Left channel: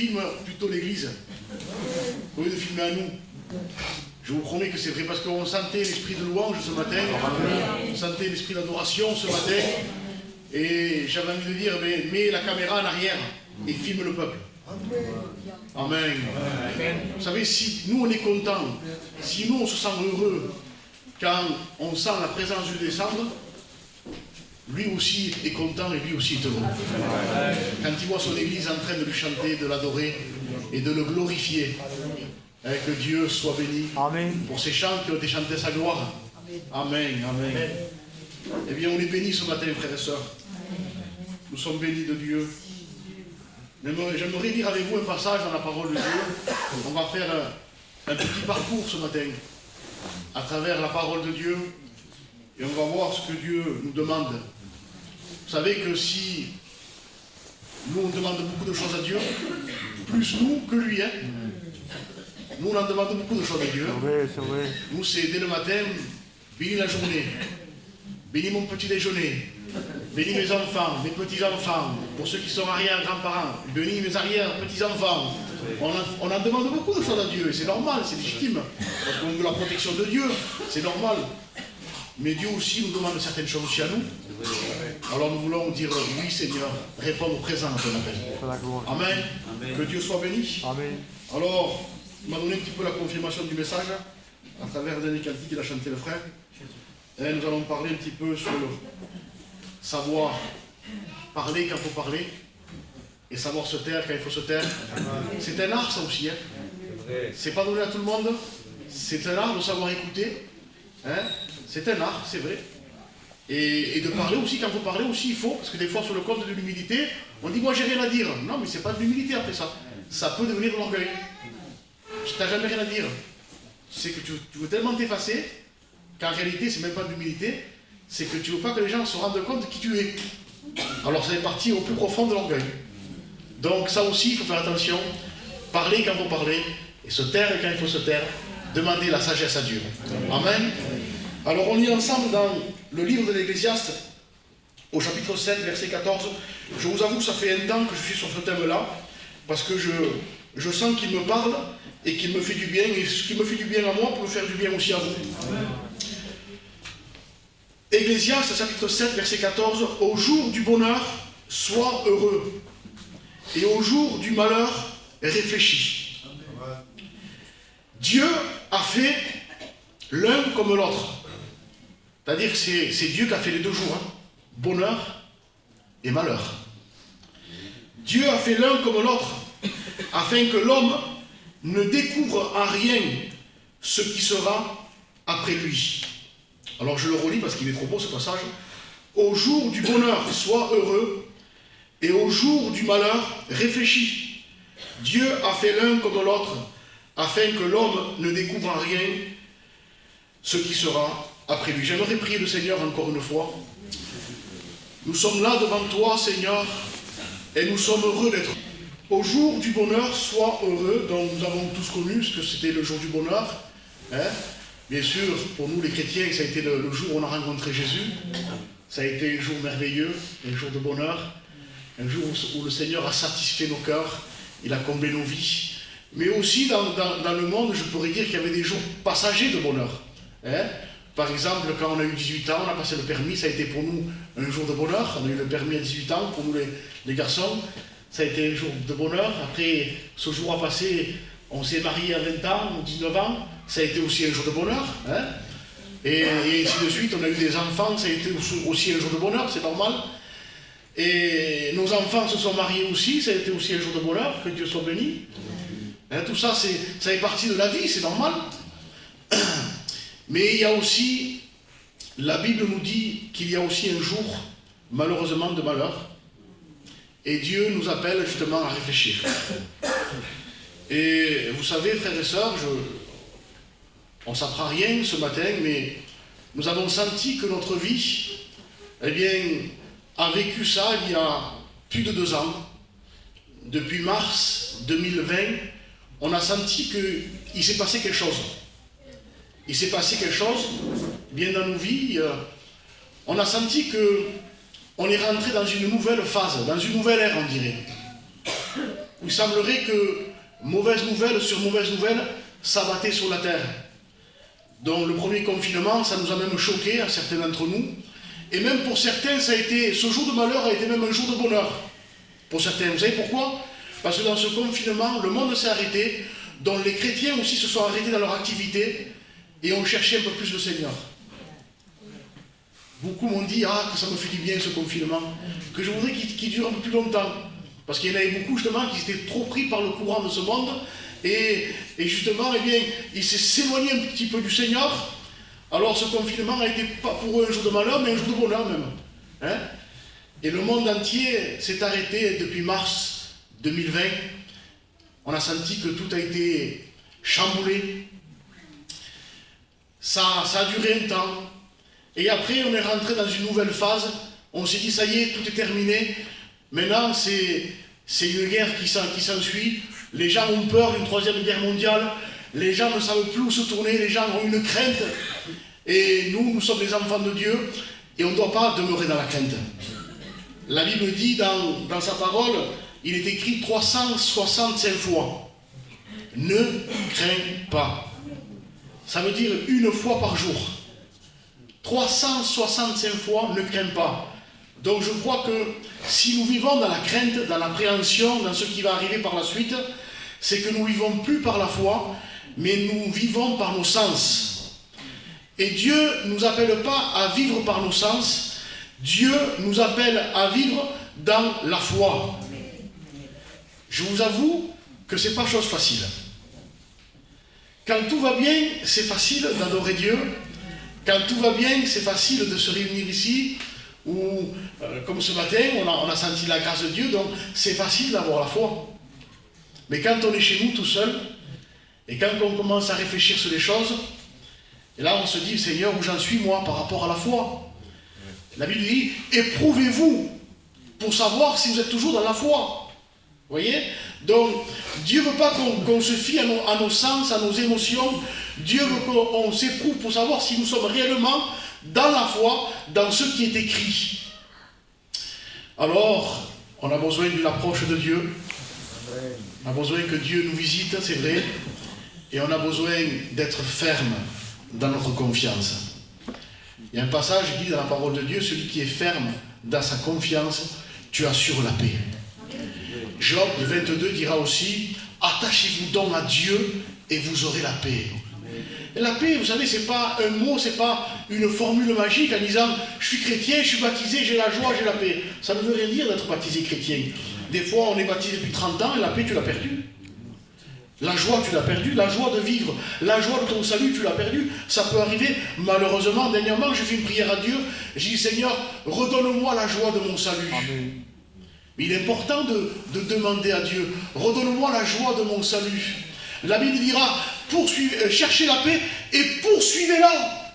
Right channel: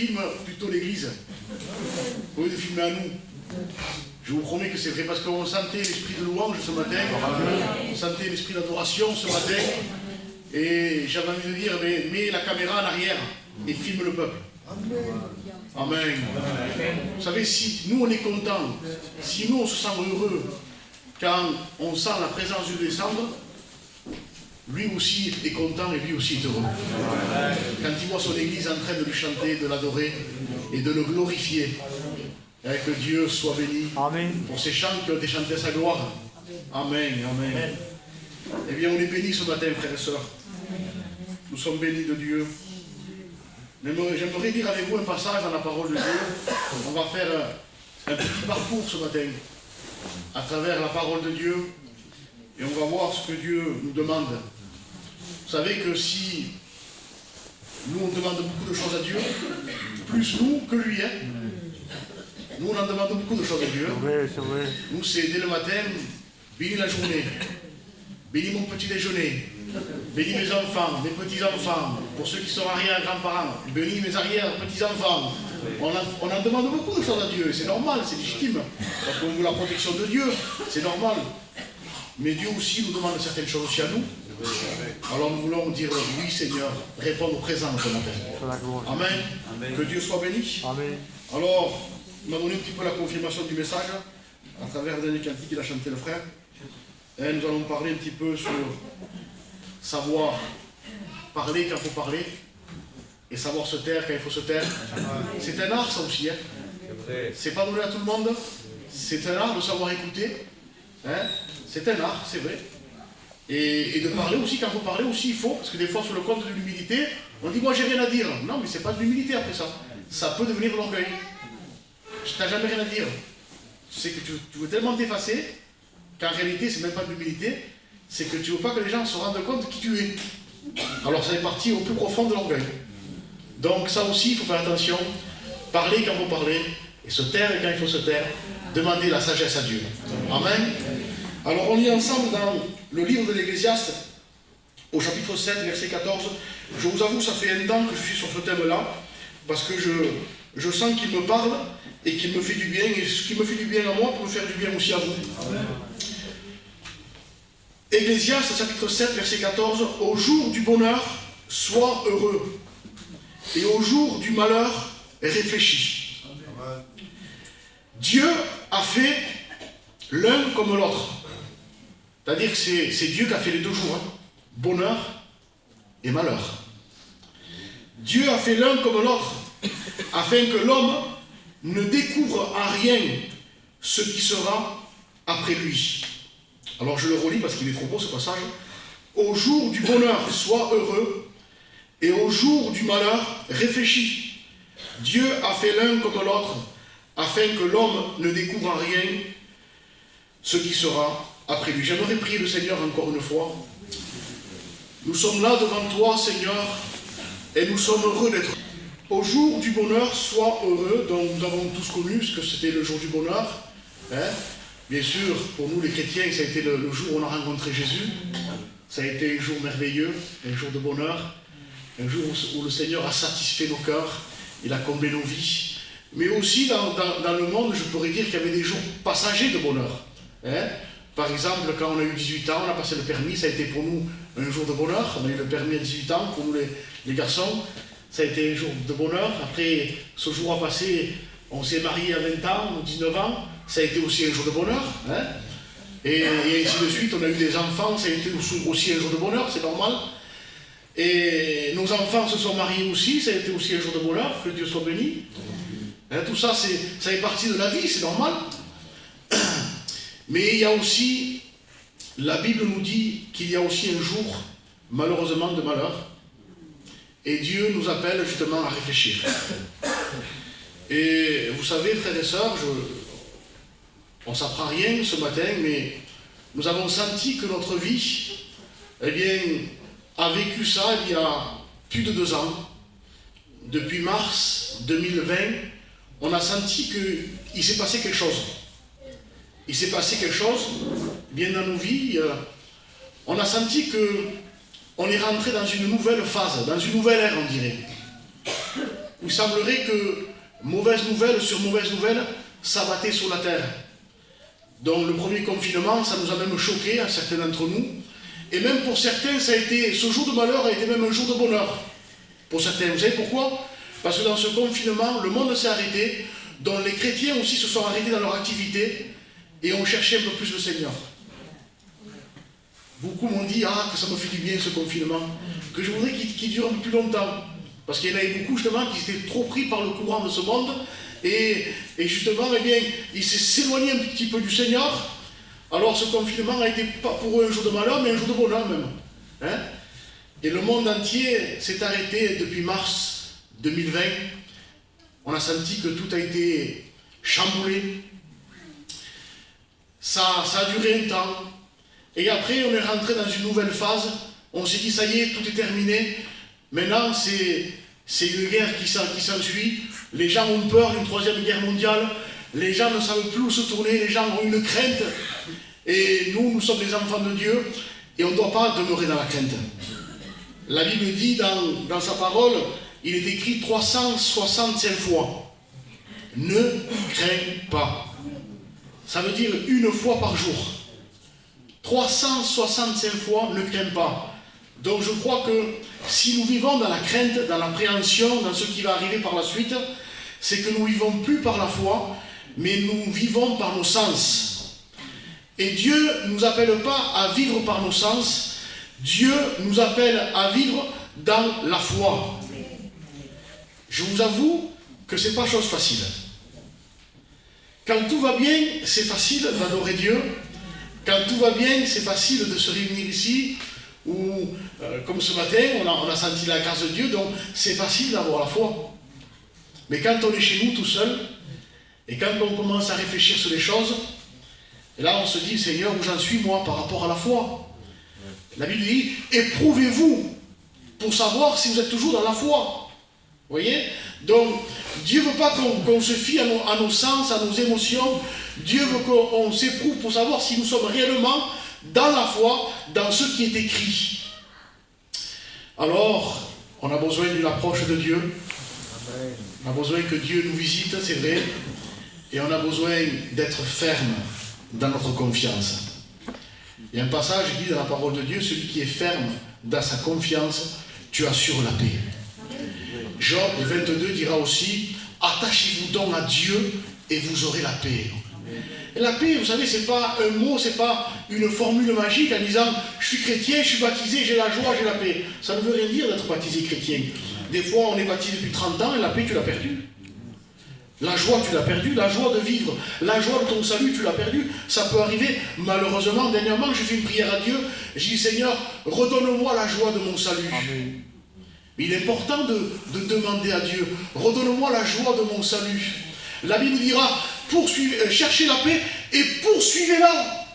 filme plutôt l'église, au lieu de filmer à nous. Je vous promets que c'est vrai, parce qu'on sentait l'esprit de louange ce matin, on sentait l'esprit d'adoration ce matin, et j'avais envie de dire, mets la caméra en arrière et filme le peuple. Amen. Vous savez, si nous on est contents, si nous on se sent heureux quand on sent la présence de Dieu descendre, lui aussi est content et lui aussi est heureux. Quand il voit son église en train de lui chanter, de l'adorer et de le glorifier, que Dieu soit béni. Amen. Pour ces chants qui ont été chantés à sa gloire. Amen. Amen. Eh bien, on est bénis ce matin, frères et sœurs. Nous sommes bénis de Dieu. J'aimerais lire avec vous un passage dans la parole de Dieu. On va faire un petit parcours ce matin à travers la parole de Dieu et on va voir ce que Dieu nous demande. Vous savez que si nous on demande beaucoup de choses à Dieu, plus nous que lui, hein. Nous on en demande beaucoup de choses à Dieu. C'est vrai. Nous c'est dès le matin, bénis la journée, bénis mon petit déjeuner, bénis mes enfants, mes petits-enfants, pour ceux qui sont arrière-grands-parents, bénis mes arrière-petits-enfants. On en demande beaucoup de choses à Dieu, et c'est normal, c'est légitime, parce qu'on veut la protection de Dieu, c'est normal. Mais Dieu aussi nous demande certaines choses aussi à nous. Alors nous voulons dire oui Seigneur, répondre présent ce matin. Amen. Amen. Que Dieu soit béni. Amen. Alors, il m'a donné un petit peu la confirmation du message, à travers le dernier cantique qu'il a chanté le frère. Et nous allons parler un petit peu sur savoir parler quand il faut parler et savoir se taire quand il faut se taire. C'est un art ça aussi, hein. C'est pas donné à tout le monde. C'est un art de savoir écouter, hein. C'est un art, c'est vrai. Et de parler aussi quand il faut parler aussi, il faut, parce que des fois sur le compte de l'humilité, on dit moi j'ai rien à dire. Non mais c'est pas de l'humilité après ça. Ça peut devenir de l'orgueil. Tu n'as jamais rien à dire. C'est que tu veux tellement t'effacer qu'en réalité c'est même pas de l'humilité, c'est que tu veux pas que les gens se rendent compte de qui tu es. Alors ça fait partie au plus profond de l'orgueil. Donc ça aussi il faut faire attention. Parler quand il faut parler, et se taire quand il faut se taire. Demander la sagesse à Dieu. Amen. Alors on lit ensemble dans le livre de l'Ecclésiaste, au chapitre 7, verset 14. Je vous avoue que ça fait un temps que je suis sur ce thème-là, parce que je sens qu'il me parle et qu'il me fait du bien, et ce qui me fait du bien à moi peut me faire du bien aussi à vous. Ecclésiaste, chapitre 7, verset 14. Au jour du bonheur, sois heureux, et au jour du malheur, réfléchis. Dieu a fait l'un comme l'autre. C'est-à-dire que c'est Dieu qui a fait les deux jours, hein. Bonheur et malheur. Dieu a fait l'un comme l'autre, afin que l'homme ne découvre en rien ce qui sera après lui. Alors je le relis parce qu'il est trop beau ce passage. Au jour du bonheur, sois heureux, et au jour du malheur, réfléchis. Dieu a fait l'un comme l'autre, afin que l'homme ne découvre en rien ce qui sera après lui. J'aimerais prier le Seigneur encore une fois. Nous sommes là devant toi, Seigneur, et nous sommes heureux d'être. Au jour du bonheur, sois heureux. Donc nous avons tous connu ce que c'était le jour du bonheur. Hein? Bien sûr, pour nous les chrétiens, ça a été le jour où on a rencontré Jésus. Ça a été un jour merveilleux, un jour de bonheur, un jour où le Seigneur a satisfait nos cœurs, il a comblé nos vies. Mais aussi dans le monde, je pourrais dire qu'il y avait des jours passagers de bonheur. Hein? Par exemple, quand on a eu 18 ans, on a passé le permis, ça a été pour nous un jour de bonheur. On a eu le permis à 18 ans, pour nous les garçons, ça a été un jour de bonheur. Après, ce jour a passé, on s'est marié à 20 ans ou 19 ans, ça a été aussi un jour de bonheur. Hein? Et ainsi de suite, on a eu des enfants, ça a été aussi un jour de bonheur, c'est normal. Et nos enfants se sont mariés aussi, ça a été aussi un jour de bonheur, que Dieu soit béni. Hein, tout ça, ça fait partie de la vie, c'est normal. Mais il y a aussi, la Bible nous dit qu'il y a aussi un jour, malheureusement, de malheur. Et Dieu nous appelle justement à réfléchir. Et vous savez, frères et sœurs, on ne s'apprend rien ce matin, mais nous avons senti que notre vie, eh bien, a vécu ça il y a plus de 2 ans. Depuis mars 2020, on a senti qu'il s'est passé quelque chose. Il s'est passé quelque chose, bien dans nos vies. On a senti qu'on est rentré dans une nouvelle phase, dans une nouvelle ère, on dirait. où il semblerait que mauvaise nouvelle sur mauvaise nouvelle s'abattait sur la terre. Donc le premier confinement, ça nous a même choqué, certains d'entre nous. Et même pour certains, ce jour de malheur a été même un jour de bonheur. Pour certains, vous savez pourquoi? Parce que dans ce confinement, le monde s'est arrêté, dont les chrétiens aussi se sont arrêtés dans leur activité et ont cherché un peu plus le Seigneur. Beaucoup m'ont dit, que ça me fait du bien ce confinement, que je voudrais qu'il dure un peu plus longtemps. Parce qu'il y en avait beaucoup justement qui étaient trop pris par le courant de ce monde et justement, eh bien, ils s'éloignaient un petit peu du Seigneur. Alors ce confinement a été pas pour eux un jour de malheur, mais un jour de bonheur même. Hein? Et le monde entier s'est arrêté depuis mars 2020. On a senti que tout a été chamboulé. Ça a duré un temps. Et après, on est rentré dans une nouvelle phase. On s'est dit, ça y est, tout est terminé. Maintenant, c'est une guerre qui s'ensuit. Les gens ont peur d'une troisième guerre mondiale. Les gens ne savent plus où se tourner. Les gens ont une crainte. Et nous sommes des enfants de Dieu. Et on ne doit pas demeurer dans la crainte. La Bible dit dans sa parole, il est écrit 365 fois. Ne crains pas. Ça veut dire une fois par jour. 365 fois, ne crains pas. Donc je crois que si nous vivons dans la crainte, dans l'appréhension, dans ce qui va arriver par la suite, c'est que nous ne vivons plus par la foi, mais nous vivons par nos sens. Et Dieu ne nous appelle pas à vivre par nos sens, Dieu nous appelle à vivre dans la foi. Je vous avoue que ce n'est pas chose facile. Quand tout va bien, c'est facile d'adorer Dieu. Quand tout va bien, c'est facile de se réunir ici, ou comme ce matin, on a senti la grâce de Dieu, donc c'est facile d'avoir la foi. Mais quand on est chez nous tout seul, et quand on commence à réfléchir sur les choses, et là on se dit, Seigneur, où j'en suis moi par rapport à la foi? La Bible dit, éprouvez-vous pour savoir si vous êtes toujours dans la foi. Vous voyez? Donc, Dieu ne veut pas qu'on se fie à nos sens, à nos émotions. Dieu veut qu'on s'éprouve pour savoir si nous sommes réellement dans la foi, dans ce qui est écrit. Alors, on a besoin d'une approche de Dieu. On a besoin que Dieu nous visite, c'est vrai. Et on a besoin d'être ferme dans notre confiance. Il y a un passage qui dit dans la parole de Dieu, celui qui est ferme dans sa confiance, tu assures la paix. Job 22 dira aussi, attachez-vous donc à Dieu et vous aurez la paix. Et la paix, vous savez, c'est pas un mot, c'est pas une formule magique en disant je suis chrétien, je suis baptisé, j'ai la joie, j'ai la paix. Ça ne veut rien dire d'être baptisé chrétien. Des fois, on est baptisé depuis 30 ans et la paix, tu l'as perdue. La joie, tu l'as perdue, la joie de vivre, la joie de ton salut, tu l'as perdue. Ça peut arriver, malheureusement. Dernièrement, j'ai fait une prière à Dieu. J'ai dit, Seigneur, redonne-moi la joie de mon salut. Amen. Mais il est important de demander à Dieu, redonne-moi la joie de mon salut. La Bible dira, cherchez la paix et poursuivez-la.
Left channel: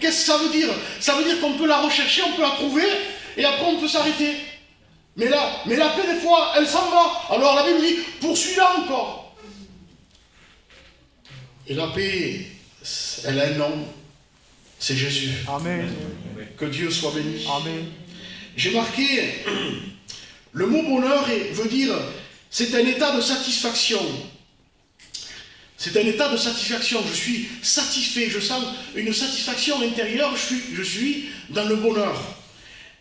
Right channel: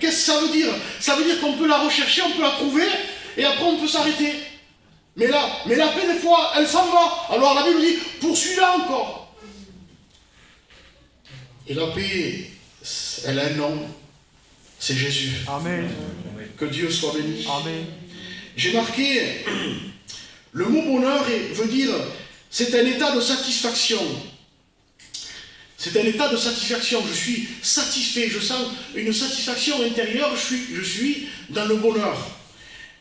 Qu'est-ce que ça veut dire? Ça veut dire qu'on peut la rechercher, on peut la trouver, et après on peut s'arrêter. Mais la paix, des fois, elle s'en va. Alors la Bible dit, poursuis-la encore. Et la paix, elle a un nom, c'est Jésus. Amen. Que Dieu soit béni. Amen. J'ai marqué, le mot bonheur veut dire, c'est un état de satisfaction. C'est un état de satisfaction. Je suis satisfait, je sens une satisfaction intérieure, je suis dans le bonheur.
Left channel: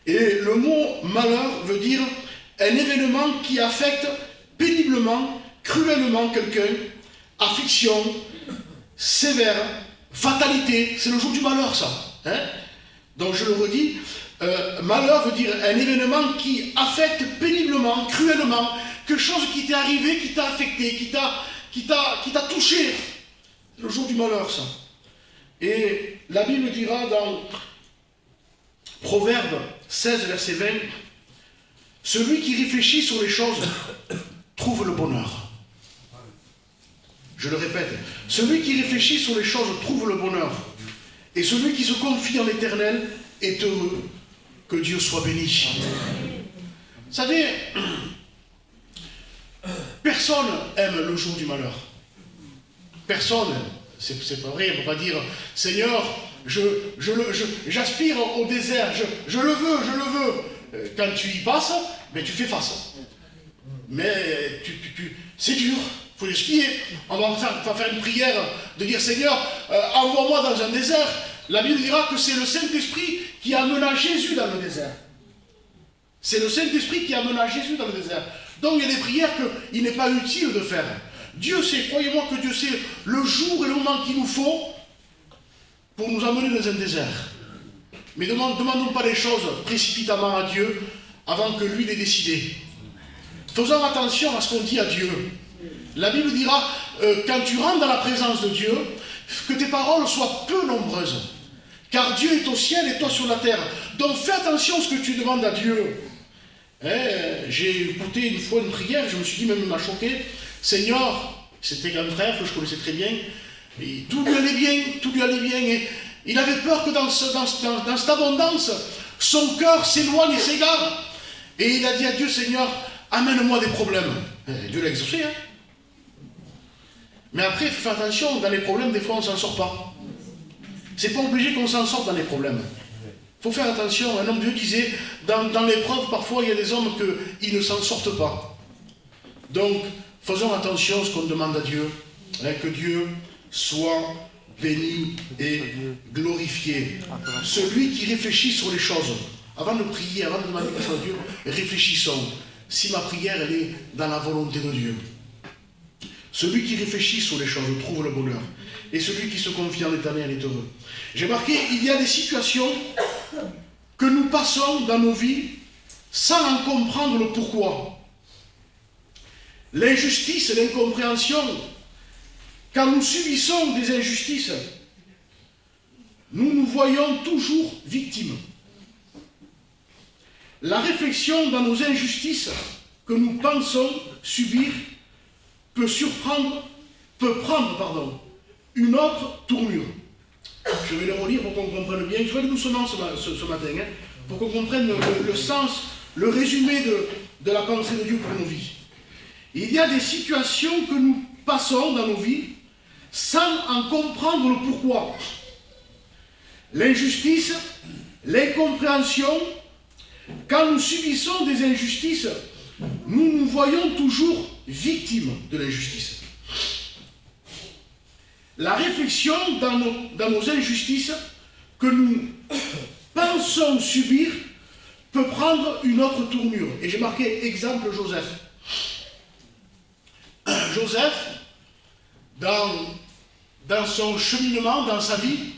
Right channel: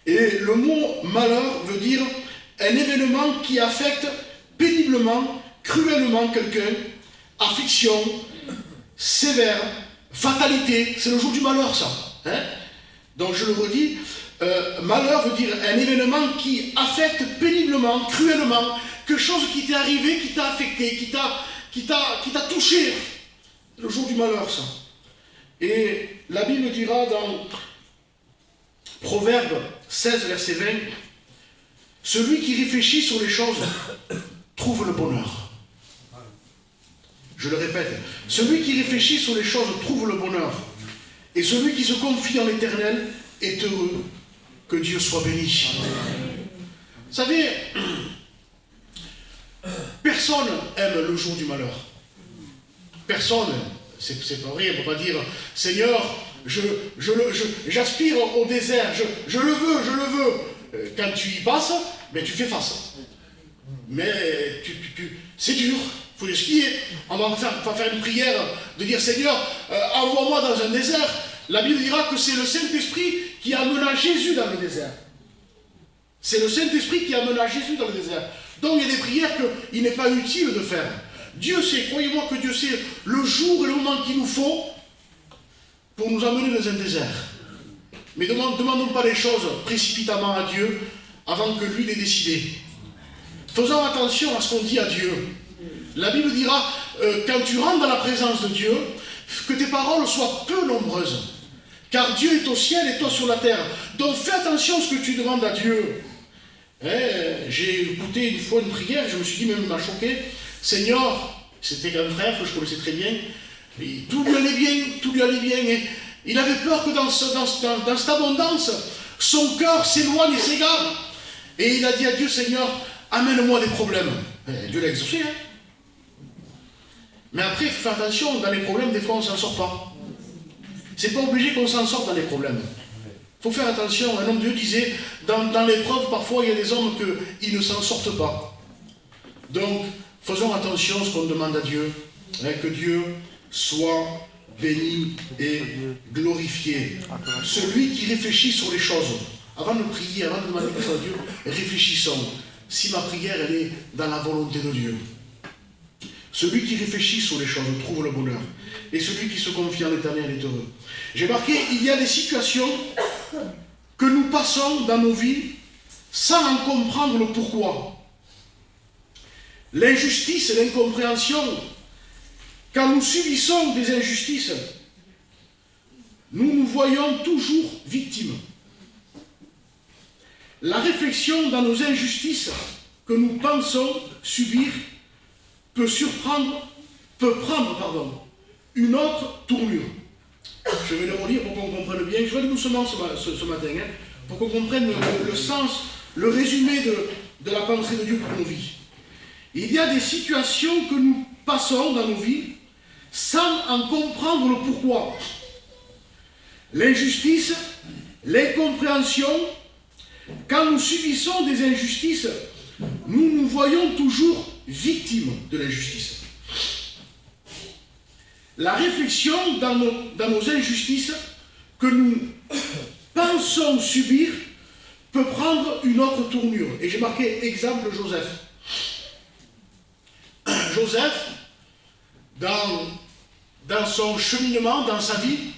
Et le mot malheur veut dire un événement qui affecte péniblement, cruellement quelqu'un, affliction, sévère, fatalité. C'est le jour du malheur, ça. Hein? Donc je le redis, malheur veut dire un événement qui affecte péniblement, cruellement, quelque chose qui t'est arrivé, qui t'a affecté, qui t'a touché. C'est le jour du malheur, ça. Et la Bible dira dans Proverbe 16, verset 20, « Celui qui réfléchit sur les choses trouve le bonheur. » Je le répète, « Celui qui réfléchit sur les choses trouve le bonheur. Et celui qui se confie en l'Éternel est heureux. Que Dieu soit béni. » Vous savez, personne aime le jour du malheur. Personne, c'est pas vrai, on ne peut pas dire « Seigneur, j'aspire au désert, je le veux. » Quand tu y passes, ben tu fais face. Mais c'est dur, il faut les skier. On va faire une prière de dire Seigneur, envoie-moi dans un désert. La Bible dira que c'est le Saint-Esprit qui amena Jésus dans le désert. C'est le Saint-Esprit qui amena Jésus dans le désert. Donc il y a des prières qu'il n'est pas utile de faire. Dieu sait, croyez-moi que Dieu sait le jour et le moment qu'il nous faut pour nous emmener dans un désert. Mais ne demandons pas les choses précipitamment à Dieu avant que lui l'ait décidé. Faisons attention à ce qu'on dit à Dieu. La Bible dira, quand tu rentres dans la présence de Dieu, que tes paroles soient peu nombreuses. Car Dieu est au ciel et toi sur la terre. Donc fais attention à ce que tu demandes à Dieu. J'ai écouté une fois une prière, je me suis dit, même il m'a choqué. Seigneur, c'était un frère que je connaissais très bien, et tout lui allait bien, et il avait peur que dans cette abondance, son cœur s'éloigne et s'égare. Et il a dit à Dieu, Seigneur, amène-moi des problèmes. Dieu l'a exaucé. Mais après, il faut faire attention, dans les problèmes, des fois on ne s'en sort pas. C'est pas obligé qu'on s'en sorte dans les problèmes. Il faut faire attention. Un homme de Dieu disait, dans l'épreuve, parfois il y a des hommes qui ne s'en sortent pas. Donc, faisons attention à ce qu'on demande à Dieu. Que Dieu soit béni et glorifié. Celui qui réfléchit sur les choses, avant de prier, avant de demander quelque chose à Dieu, réfléchissons. Si ma prière, elle est dans la volonté de Dieu. Celui qui réfléchit sur les choses trouve le bonheur. Et celui qui se confie en l'Éternel est heureux. J'ai marqué, il y a des situations que nous passons dans nos vies sans en comprendre le pourquoi. L'injustice, l'incompréhension, quand nous subissons des injustices, nous nous voyons toujours victimes. La réflexion dans nos injustices que nous pensons subir peut prendre une autre tournure. Je vais le relire pour qu'on comprenne bien. Je vais aller doucement ce matin, pour qu'on comprenne le sens, le résumé de la pensée de Dieu pour nos vies. Il y a des situations que nous passons dans nos vies sans en comprendre le pourquoi. L'injustice, l'incompréhension, quand nous subissons des injustices, nous nous voyons toujours victimes de l'injustice. La réflexion dans nos injustices que nous pensons subir peut prendre une autre tournure. Et j'ai marqué exemple Joseph. Joseph, dans son cheminement, dans sa vie,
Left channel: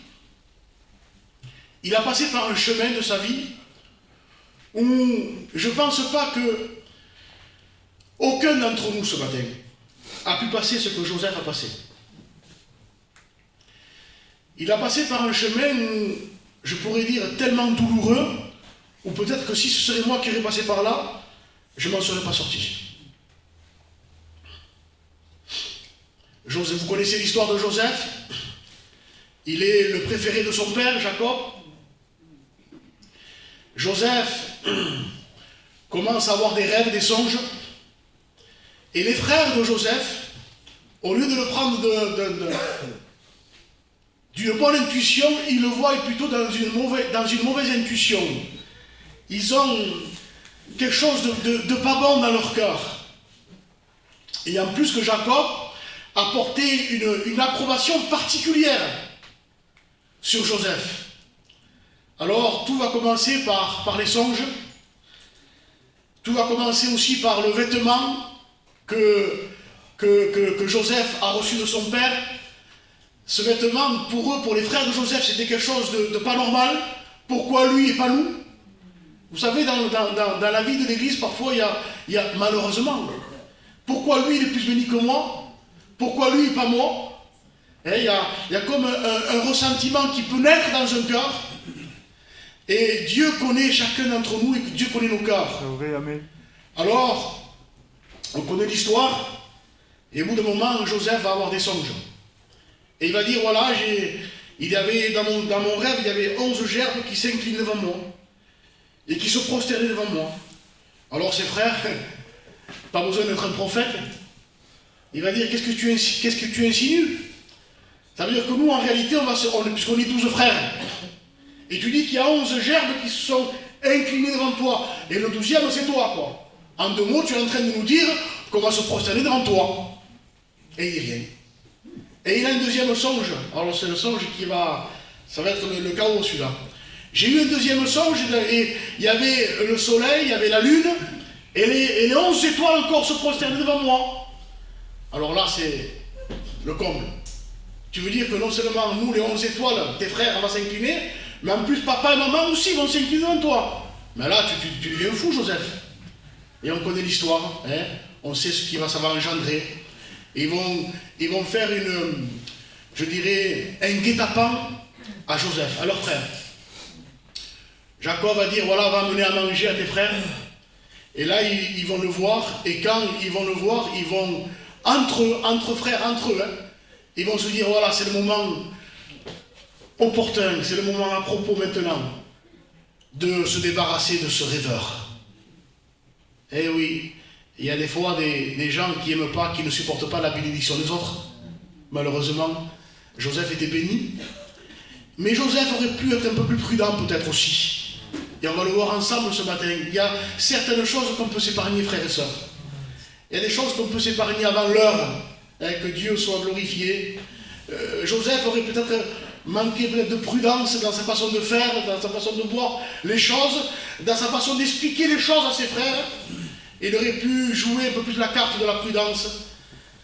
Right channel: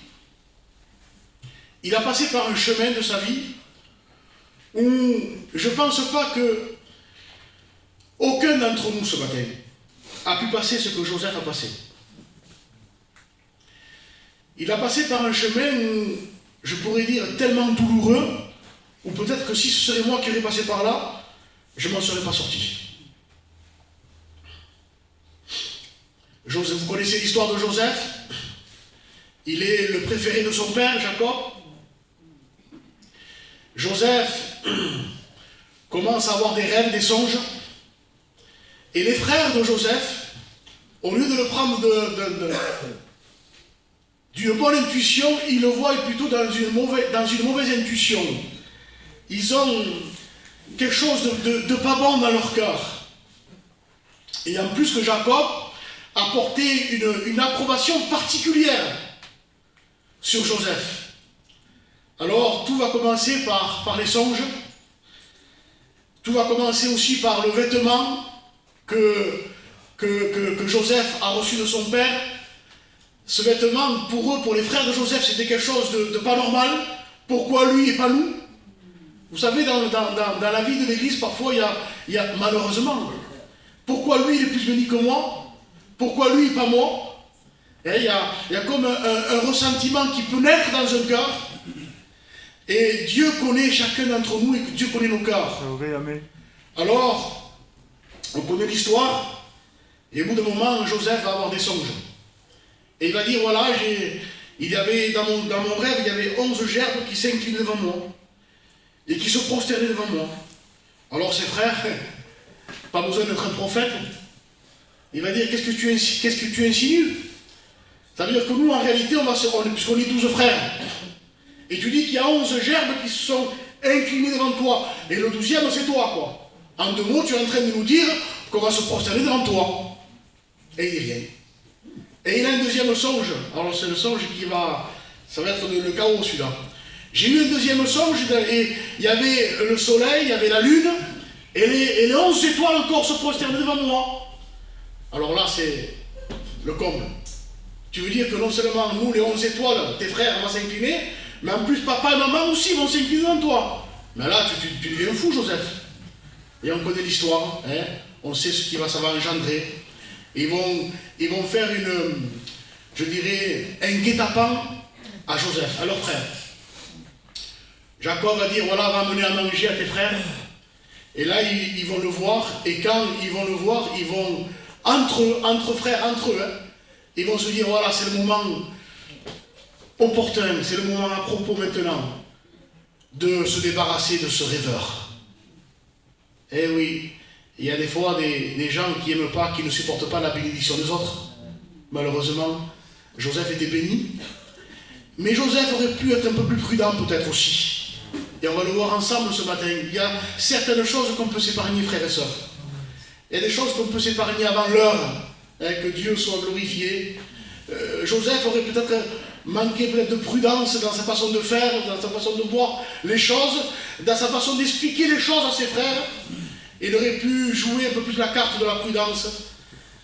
il a passé par un chemin de sa vie où je ne pense pas que aucun d'entre nous ce matin a pu passer ce que Joseph a passé. Il a passé par un chemin où, je pourrais dire, tellement douloureux, ou peut-être que si ce serait moi qui aurais passé par là, je ne m'en serais pas sorti. Joseph, vous connaissez l'histoire de Joseph? Il est le préféré de son père, Jacob. Joseph commence à avoir des rêves, des songes. Et les frères de Joseph, au lieu de le prendre d'une bonne intuition, ils le voient plutôt dans une mauvaise intuition. Ils ont quelque chose de pas bon dans leur cœur. Et en plus que Jacob a porté une approbation particulière sur Joseph. Alors tout va commencer par les songes. Tout va commencer aussi par le vêtement que Joseph a reçu de son père. Ce vêtement, pour eux, pour les frères de Joseph, c'était quelque chose de pas normal. Pourquoi lui et pas nous? Vous savez, dans la vie de l'Église, parfois, il y a malheureusement, pourquoi lui il est plus béni que moi? Pourquoi lui et pas moi? Et il y a comme un ressentiment qui peut naître dans un cœur. Et Dieu connaît chacun d'entre nous et Dieu connaît nos cœurs. Alors, on connaît l'histoire, et au bout d'un moment, Joseph va avoir des songes. Et il va dire, voilà, il y avait dans mon rêve, il y avait 11 gerbes qui s'inclinent devant moi, et qui se prosternaient devant moi. Alors ses frères, pas besoin d'être un prophète, il va dire, qu'est-ce que tu insinues? Ça veut dire que nous, en réalité, puisqu'on est 12 frères, et tu dis qu'il y a 11 gerbes qui se sont inclinés devant toi, et le 12e, c'est toi, quoi. En 2 mots, tu es en train de nous dire qu'on va se prosterner devant toi. Et il dit rien. Et il a un deuxième songe. Alors c'est le songe qui va... Ça va être le chaos celui-là. J'ai eu un deuxième songe et il y avait le soleil, il y avait la lune, et les 11 étoiles encore se prosternaient devant moi. Alors là, c'est le comble. Tu veux dire que non seulement nous, les 11 étoiles, tes frères, vont s'incliner, mais en plus papa et maman aussi vont s'incliner devant toi. Mais là, tu deviens fou, Joseph. Et on connaît l'histoire, hein? On sait ce qui ça va engendrer. Ils vont faire je dirais, un guet-apens à Joseph, à leur frère. Jacob va dire, voilà, va amener à manger à tes frères. Et là, ils vont le voir, et quand ils vont le voir, ils vont, entre frères, entre eux, hein, ils vont se dire, voilà, c'est le moment opportun, c'est le moment à propos maintenant de se débarrasser de ce rêveur. Eh oui, il y a des fois des gens qui n'aiment pas, qui ne supportent pas la bénédiction des autres. Malheureusement, Joseph était béni. Mais Joseph aurait pu être un peu plus prudent peut-être aussi. Et on va le voir ensemble ce matin. Il y a certaines choses qu'on peut s'épargner, frères et sœurs. Il y a des choses qu'on peut s'épargner avant l'heure, hein, que Dieu soit glorifié. Joseph aurait peut-être manqué de prudence dans sa façon de faire, dans sa façon de voir les choses, dans sa façon d'expliquer les choses à ses frères. Il aurait pu jouer un peu plus la carte de la prudence.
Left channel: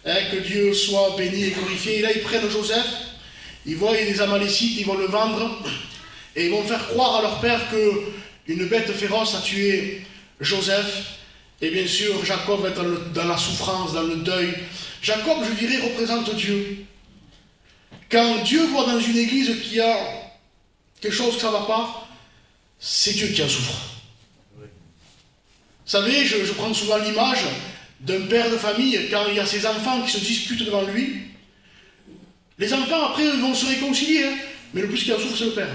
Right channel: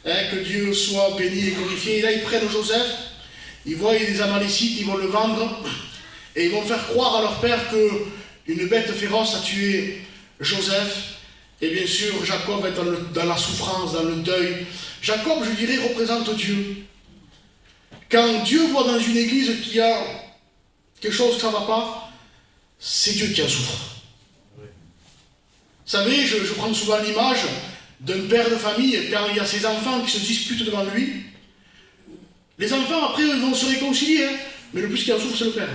Hein, que Dieu soit béni et glorifié. Et là, ils prennent Joseph, ils voient des Amalécites, ils vont le vendre, et ils vont faire croire à leur père qu'une bête féroce a tué Joseph. Et bien sûr, Jacob va être dans la souffrance, dans le deuil. Jacob, je dirais, représente Dieu. Quand Dieu voit dans une église qu'il y a quelque chose que ça ne va pas, c'est Dieu qui en souffre. Vous savez, je prends souvent l'image d'un père de famille, quand il y a ses enfants qui se disputent devant lui. Les enfants, après, vont se réconcilier, hein, mais le plus qui en souffre, c'est le père.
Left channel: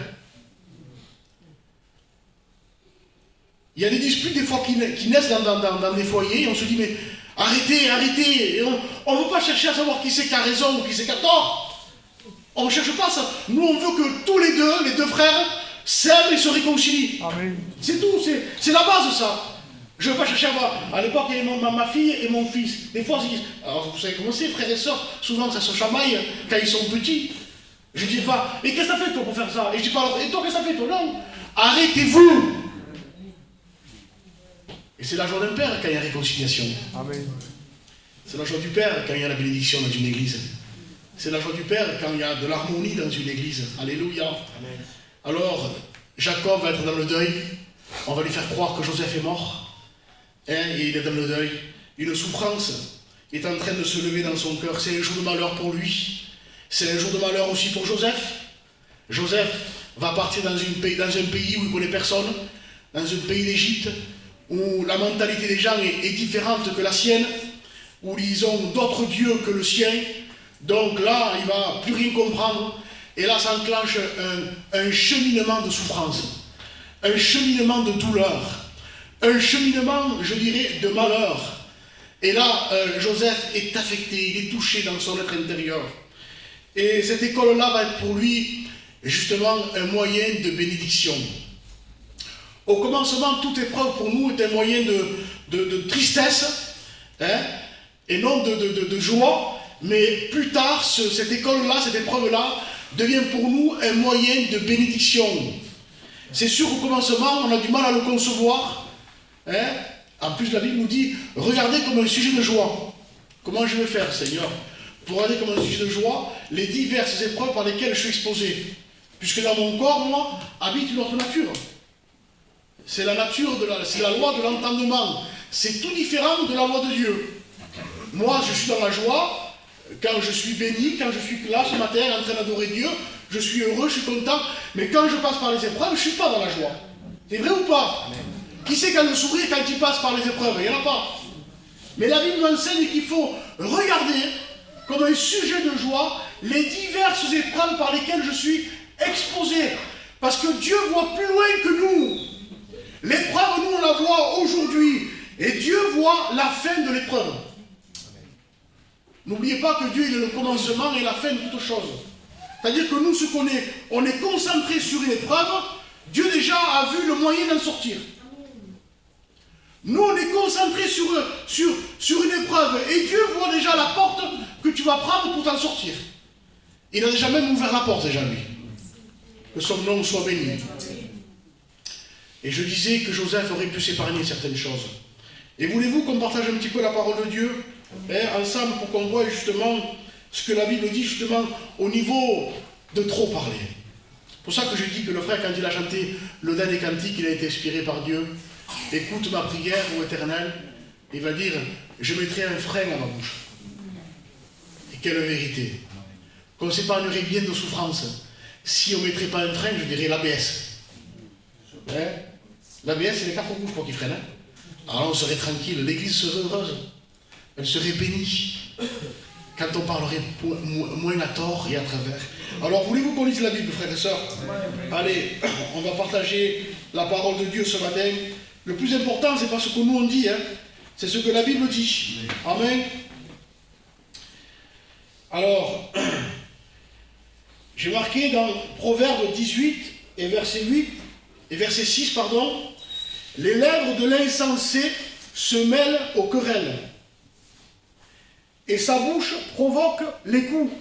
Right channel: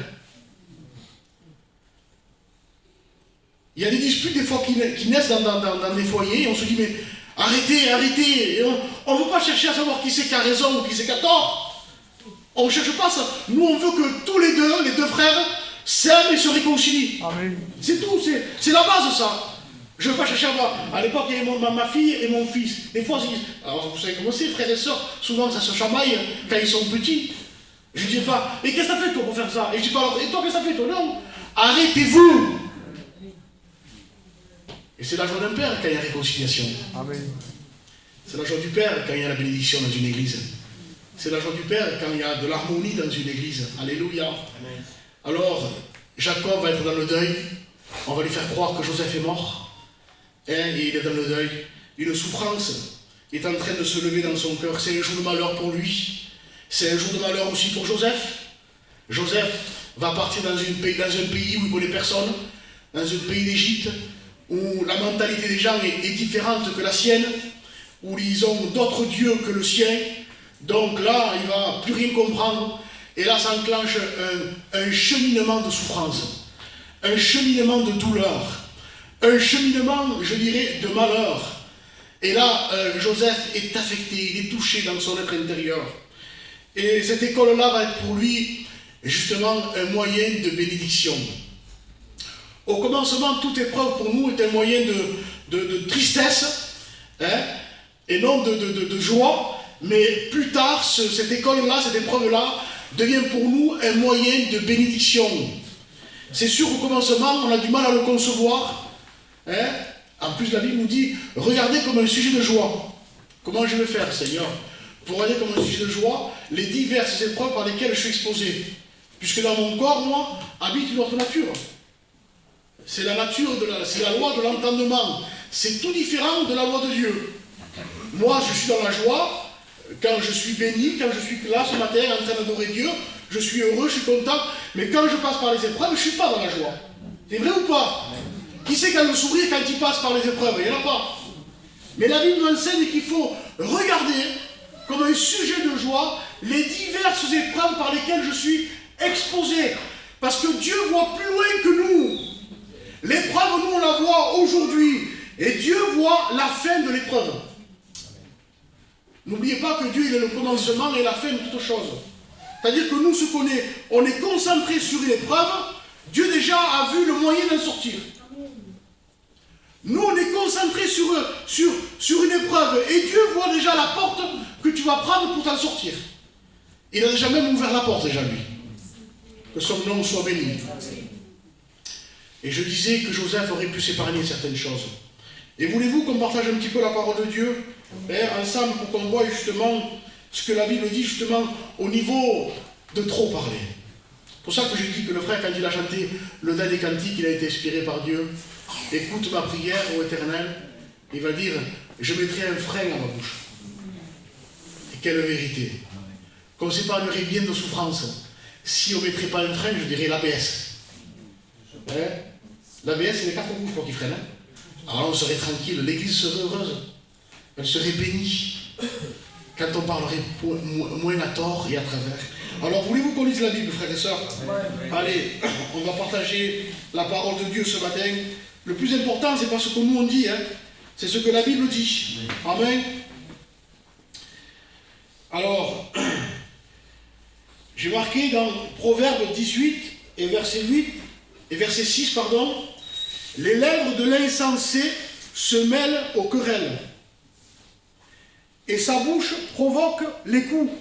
Il y a des disputes, des fois, qui naissent dans des foyers, et on se dit, mais arrêtez, et on ne veut pas chercher à savoir qui c'est qui a raison ou qui c'est qui a tort. On ne cherche pas ça. Nous, on veut que tous les deux frères, s'aiment et se réconcilient. Amen. C'est tout, c'est la base, ça. Je ne veux pas chercher à voir. À l'époque, il y avait ma fille et mon fils. Des fois, alors vous savez comment c'est, frères et sœurs, souvent ça se chamaille quand ils sont petits. Je ne dis pas, et qu'est-ce que t'as fait toi pour faire ça? Et je dis pas, alors, et toi qu'est-ce que t'as fait toi? Non, arrêtez-vous. Et c'est la joie d'un père quand il y a réconciliation. Amen. C'est la joie du père quand il y a la bénédiction dans une église. C'est la joie du père quand il y a de l'harmonie dans une église. Alléluia. Amen. Alors, Jacob va être dans le deuil. On va lui faire croire que Joseph est mort. Et il est dans le deuil. Une souffrance est en train de se lever dans son cœur. C'est un jour de malheur pour lui. C'est un jour de malheur aussi pour Joseph. Joseph va partir dans un pays où il ne connaît personne, dans un pays d'Égypte, où la mentalité des gens est différente que la sienne, où ils ont d'autres dieux que le sien. Donc là, il ne va plus rien comprendre. Et là s'enclenche un cheminement de souffrance, un cheminement de douleur, un cheminement, je dirais, de malheur. Et là, Joseph est affecté, il est touché dans son être intérieur. Et cette école-là va être pour lui, justement, un moyen de bénédiction. Au commencement, toute épreuve pour nous est un moyen de tristesse, hein, et non de joie. Mais plus tard, cette école-là, cette épreuve-là, devient pour nous un moyen de bénédiction. C'est sûr qu'au commencement, on a du mal à le concevoir. Hein? En plus, la Bible nous dit, regardez comme un sujet de joie. Comment je vais faire, Seigneur, pour regarder comme un sujet de joie les diverses épreuves par lesquelles je suis exposé. Puisque dans mon corps, moi, habite une autre nature. C'est la nature, c'est la loi de l'entendement. C'est tout différent de la loi de Dieu. Moi, je suis dans la joie quand je suis béni, quand je suis là ce matin en train d'adorer Dieu. Je suis heureux, je suis content. Mais quand je passe par les épreuves, je ne suis pas dans la joie. C'est vrai ou pas? Qui sait quand le sourire quand il passe par les épreuves? Il n'y en a pas. Mais la Bible nous enseigne qu'il faut regarder comme un sujet de joie les diverses épreuves par lesquelles je suis exposé. Parce que Dieu voit plus loin que nous. L'épreuve, nous, on la voit aujourd'hui. Et Dieu voit la fin de l'épreuve. N'oubliez pas que Dieu il est le commencement et la fin de toute chose. C'est-à-dire que nous, ce qu'on est, on est concentré sur une épreuve. Dieu déjà a vu le moyen d'en sortir. Nous, on est concentrés sur une épreuve. Et Dieu voit déjà la porte que tu vas prendre pour t'en sortir. Il a déjà même ouvert la porte, déjà, lui. Que son nom soit béni. Et je disais que Joseph aurait pu s'épargner certaines choses. Et voulez-vous qu'on partage un petit peu la parole de Dieu, ensemble, pour qu'on voit justement ce que la Bible dit, justement, au niveau de trop parler. C'est pour ça que je dis que le frère, quand il a chanté le dernier cantique, il a été inspiré par Dieu. Écoute ma prière, ô Éternel. Il va dire, je mettrai un frein à ma bouche. Et quelle vérité. Qu'on s'épargnerait bien de souffrance. Si on ne mettrait pas un frein, je dirais l'ABS. L'ABS, c'est les quatre rouges pour qu'ils freinent. Alors on serait tranquille, l'église serait heureuse. Elle serait bénie. Quand on parlerait moins à tort et à travers. Alors voulez-vous qu'on lise la Bible, frères et sœurs? Allez, on va partager la parole de Dieu ce matin. Le plus important, c'est pas ce que nous on dit, c'est ce que la Bible dit. Amen. Alors, j'ai marqué dans Proverbe 18 et verset 8 et verset 6, pardon, les lèvres de l'insensé se mêlent aux querelles, et sa bouche provoque les coups.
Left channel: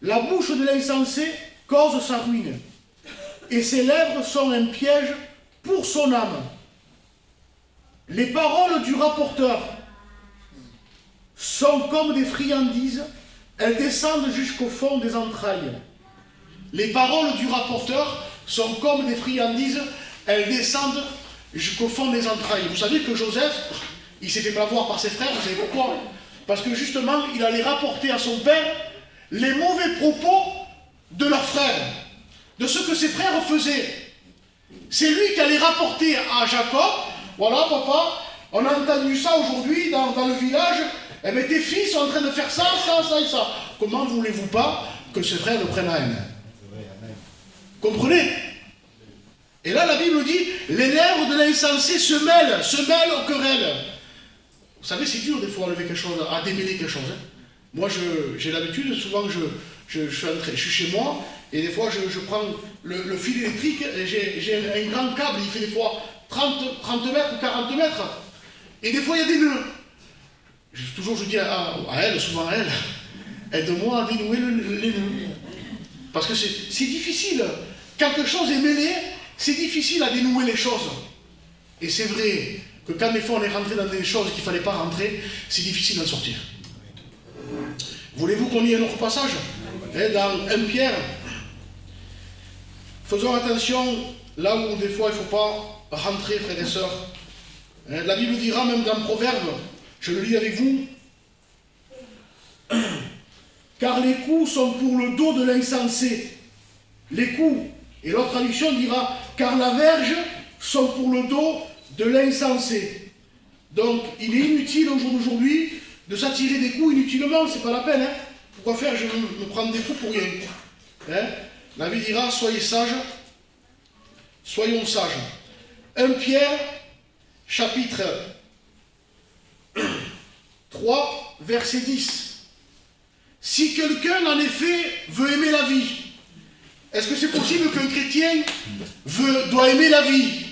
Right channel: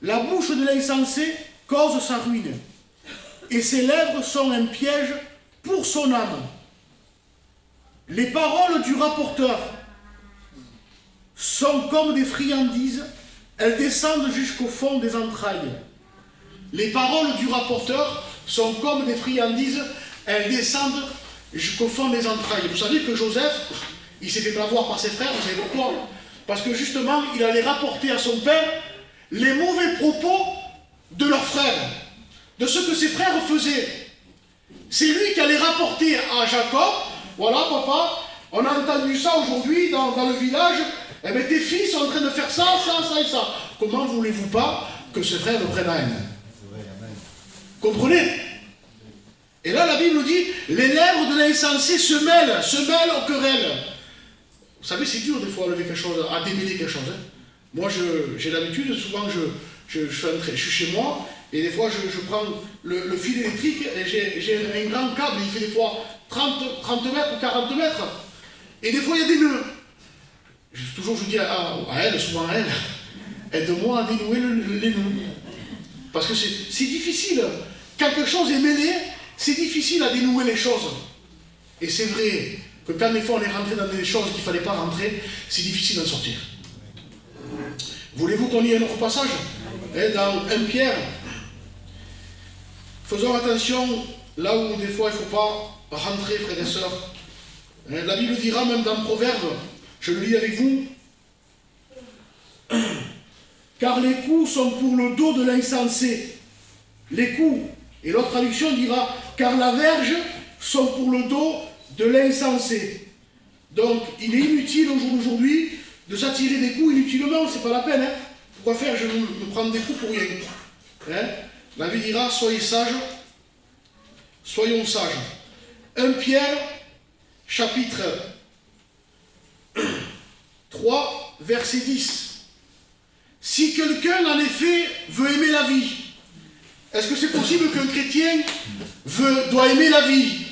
La bouche de l'insensé cause sa ruine, et ses lèvres sont un piège pour son âme. Les paroles du rapporteur sont comme des friandises, elles descendent jusqu'au fond des entrailles. Les paroles du rapporteur sont comme des friandises, elles descendent jusqu'au fond des entrailles. Vous savez que Joseph, il s'est fait plavoir par ses frères, vous savez pourquoi? Parce que justement, il allait rapporter à son père les mauvais propos de leurs frères, de ce que ses frères faisaient. C'est lui qui allait rapporter à Jacob, voilà papa, on a entendu ça aujourd'hui dans le village, eh bien tes fils sont en train de faire ça, ça, ça et ça. Comment voulez-vous pas que ses frères le prennent à haine? Comprenez? Et là la Bible dit, les lèvres de l'insensé se mêlent aux querelles. Vous savez, c'est dur des fois à lever quelque chose, à démêler quelque chose. Moi j'ai l'habitude, souvent je suis chez moi, et des fois je prends le fil électrique, et j'ai un grand câble, il fait des fois 30 mètres ou 40 mètres. Et des fois il y a des nœuds. Toujours je dis à elle, souvent à elle, aide-moi à dénouer les nœuds. Parce que c'est difficile. Quand quelque chose est mêlé, c'est difficile à dénouer les choses. Et c'est vrai que quand des fois on est rentré dans des choses qu'il ne fallait pas rentrer, c'est difficile d'en sortir. Voulez-vous qu'on lit un autre passage? Dans 1 Pierre. Faisons attention là où des fois il ne faut pas rentrer, frères et sœurs. La Bible dira même dans Proverbe, je le lis avec vous, car les coups sont pour le dos de l'insensé. Les coups. Et l'autre traduction dira, car la verge sont pour le dos de l'insensé. Donc, il est inutile au jour d'aujourd'hui de s'attirer des coups inutilement, c'est pas la peine. Pourquoi faire? Je vais me prendre des coups pour rien. La Bible dira, soyez sages, soyons sages. 1 Pierre, chapitre 3, verset 10. Si quelqu'un, en effet, veut aimer la vie, est-ce que c'est possible qu'un chrétien doit aimer la vie?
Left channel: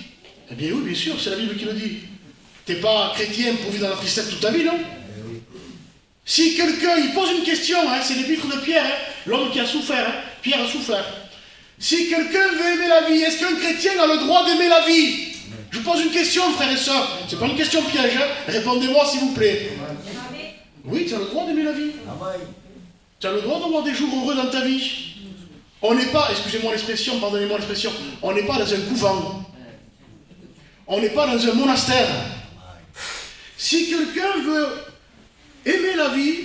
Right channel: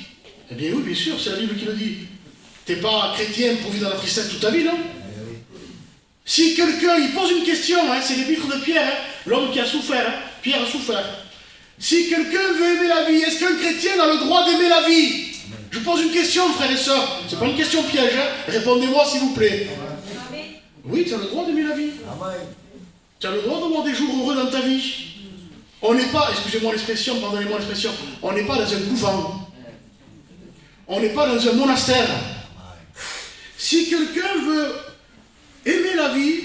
Eh bien oui, bien sûr, c'est la Bible qui le dit. Tu n'es pas chrétien pour vivre dans la tristesse toute ta vie, non? Si quelqu'un, il pose une question, c'est l'épître de Pierre, l'homme qui a souffert, Pierre a souffert. Si quelqu'un veut aimer la vie, est-ce qu'un chrétien a le droit d'aimer la vie? Je pose une question, frères et sœurs. C'est pas une question piège, répondez-moi s'il vous plaît. Oui, tu as le droit d'aimer la vie. Tu as le droit d'avoir des jours heureux dans ta vie. On n'est pas, excusez-moi l'expression, pardonnez-moi l'expression, on n'est pas dans un couvent. On n'est pas dans un monastère. Si quelqu'un veut aimer la vie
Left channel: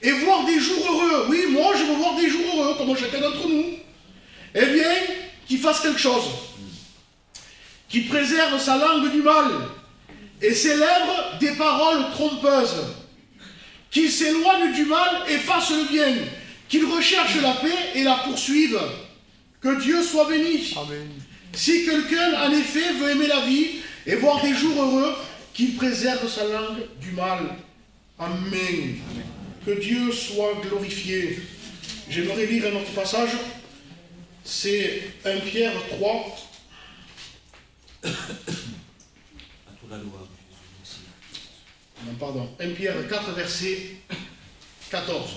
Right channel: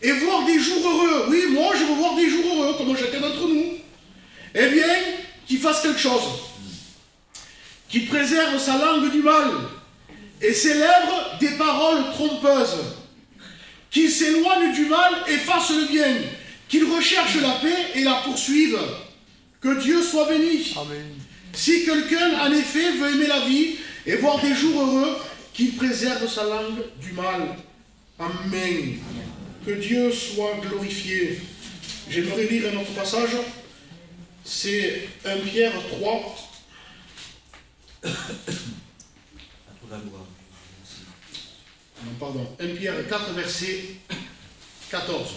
et voir des jours heureux, oui, moi je veux voir des jours heureux, comme chacun d'entre nous, eh bien, qu'il fasse quelque chose. Qu'il préserve sa langue du mal et ses lèvres des paroles trompeuses. Qu'il s'éloigne du mal et fasse le bien. Qu'il recherche la paix et la poursuive. Que Dieu soit béni. Amen. Si quelqu'un, en effet, veut aimer la vie et voir des jours heureux, qu'il préserve sa langue du mal. Amen. Que Dieu soit glorifié. J'aimerais lire un autre passage. C'est 1 Pierre 3. valoir. Non, pardon. 1 Pierre 4, verset 14.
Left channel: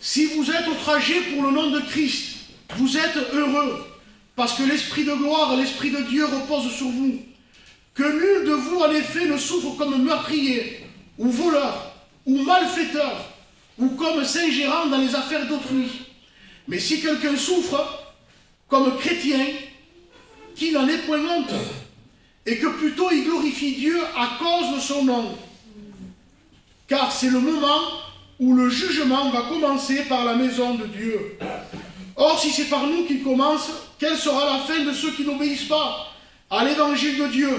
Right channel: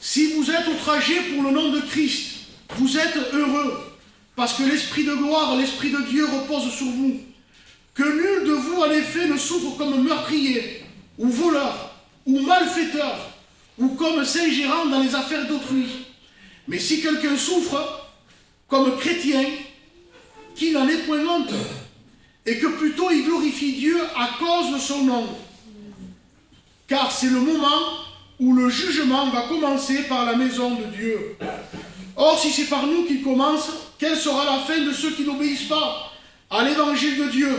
Si vous êtes outragés pour le nom de Christ, vous êtes heureux, parce que l'Esprit de gloire, l'Esprit de Dieu repose sur vous. Que nul de vous, en effet, ne souffre comme meurtrier, ou voleur, ou malfaiteur, ou comme s'ingérant dans les affaires d'autrui. Mais si quelqu'un souffre, comme chrétien, qu'il n'en ait point honte, et que plutôt il glorifie Dieu à cause de son nom. Car c'est le moment où le jugement va commencer par la maison de Dieu. Or, si c'est par nous qu'il commence, quelle sera la fin de ceux qui n'obéissent pas à l'évangile de Dieu?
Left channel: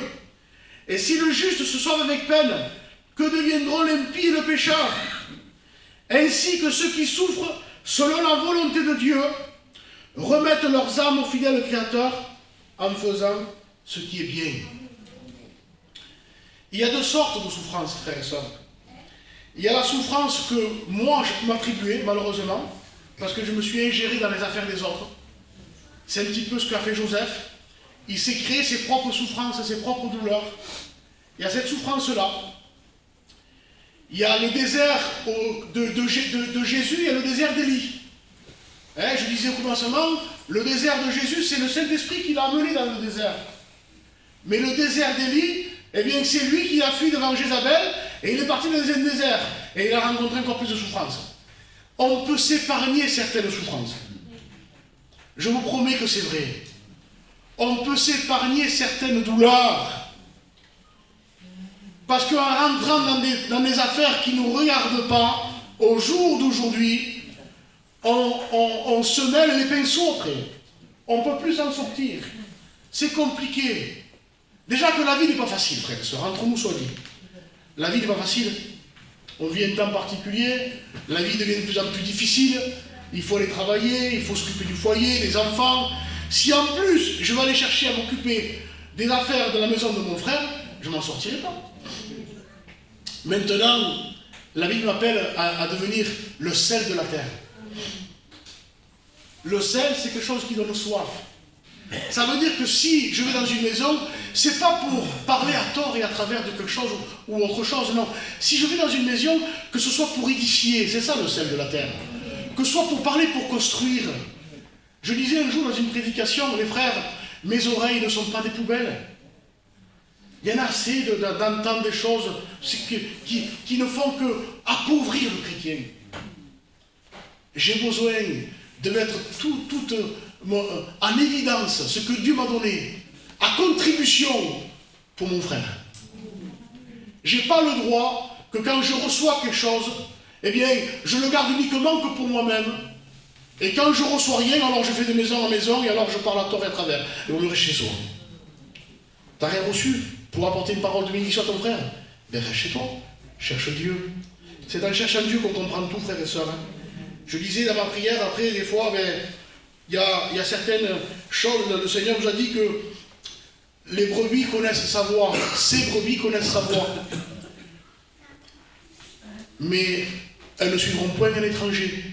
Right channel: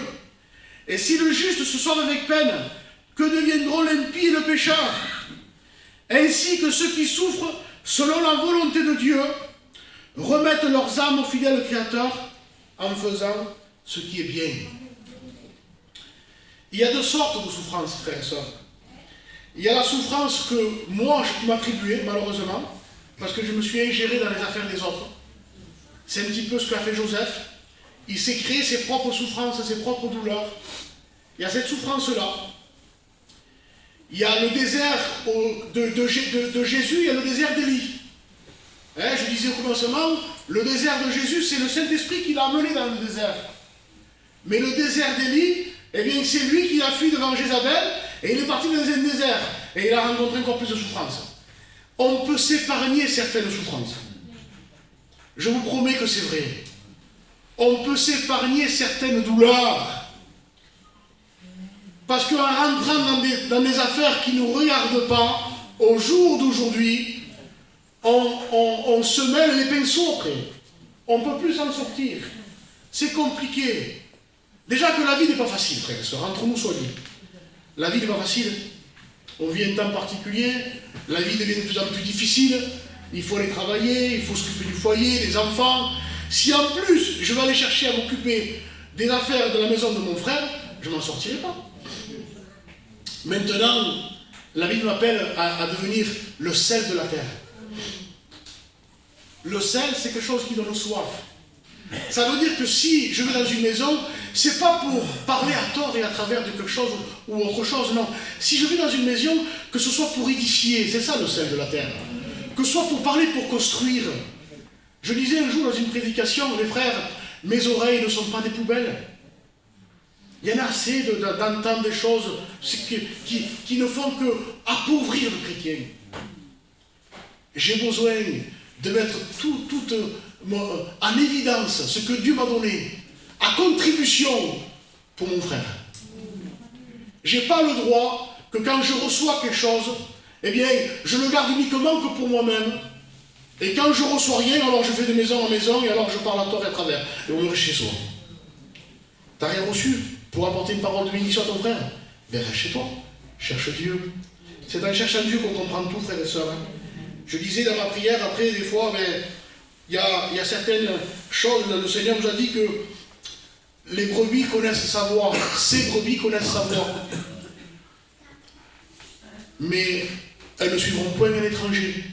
Et si le juste se sauve avec peine, que deviendront l'impie et le pécheur? Ainsi que ceux qui souffrent selon la volonté de Dieu remettent leurs âmes au fidèle Créateur en faisant ce qui est bien. Il y a deux sortes de souffrances, frères et sœurs. Il y a la souffrance que moi je m'attribuais, malheureusement, parce que je me suis ingéré dans les affaires des autres. C'est un petit peu ce qu'a fait Joseph. Il s'est créé ses propres souffrances, ses propres douleurs. Il y a cette souffrance-là. Il y a le désert de Jésus, il y a le désert d'Élie. Je disais au commencement, le désert de Jésus, c'est le Saint-Esprit qui l'a amené dans le désert. Mais le désert d'Élie, eh bien, c'est lui qui a fui devant Jézabel, et il est parti dans un désert. Et il a rencontré encore plus de souffrances. On peut s'épargner certaines souffrances. Je vous promets que c'est vrai. On peut s'épargner certaines douleurs. Parce qu'en rentrant dans des affaires qui ne nous regardent pas, au jour d'aujourd'hui, on se mêle les pinceaux après. On ne peut plus s'en sortir. C'est compliqué. Déjà que la vie n'est pas facile, frères et sœurs, entre nous soit dit. La vie n'est pas facile. On vit un temps particulier, la vie devient de plus en plus difficile. Il faut aller travailler, il faut s'occuper du foyer, des enfants. Si en plus, je vais aller chercher à m'occuper des affaires de la maison de mon frère, je ne m'en sortirai pas. Maintenant, la Bible m'appelle à devenir le sel de la terre. Le sel, c'est quelque chose qui donne soif. Ça veut dire que si je vais dans une maison, c'est pas pour parler à tort et à travers de quelque chose ou autre chose, non. Si je vais dans une maison, que ce soit pour édifier, c'est ça le sel de la terre. Que ce soit pour parler, pour construire. Je disais un jour dans une prédication, les frères, mes oreilles ne sont pas des poubelles. Il y en a assez d'entendre des choses qui ne font que appauvrir le chrétien. J'ai besoin de mettre tout en évidence ce que Dieu m'a donné, à contribution pour mon frère. Je n'ai pas le droit que quand je reçois quelque chose, eh bien, je le garde uniquement que pour moi-même. Et quand je ne reçois rien, alors je vais de maison en maison et alors je parle à tort et à travers. Et on est chez soi. Tu n'as rien reçu pour apporter une parole de bénédiction à ton frère? Ben reste chez toi, cherche Dieu. C'est en cherchant Dieu qu'on comprend tout, frères et sœurs. Hein. Je disais dans ma prière, après, des fois, il y a certaines choses, le Seigneur nous a dit que les brebis connaissent sa voix, ces brebis connaissent sa voix. Mais elles ne suivront point un étranger.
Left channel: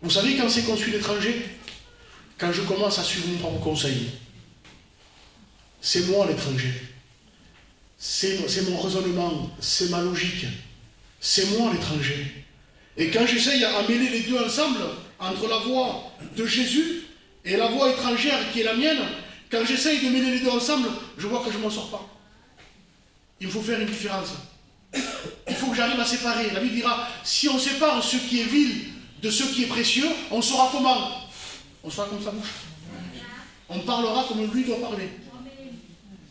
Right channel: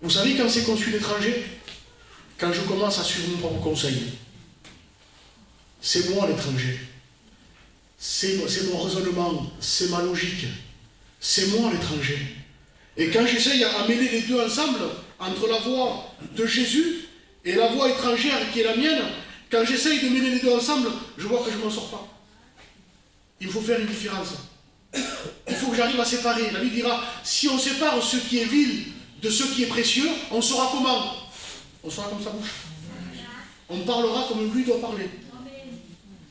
Vous savez quand c'est qu'on suit l'étranger? Quand je commence à suivre mon propre conseil. C'est moi l'étranger. C'est mon raisonnement, c'est ma logique. C'est moi l'étranger. Et quand j'essaye à mêler les deux ensemble, entre la voix de Jésus et la voix étrangère qui est la mienne, quand j'essaye de mêler les deux ensemble, je vois que je ne m'en sors pas. Il faut faire une différence. Il faut que j'arrive à séparer. La Bible dira, si on sépare ce qui est vil de ce qui est précieux, on saura comment? On saura comme sa bouche. On parlera comme lui doit parler.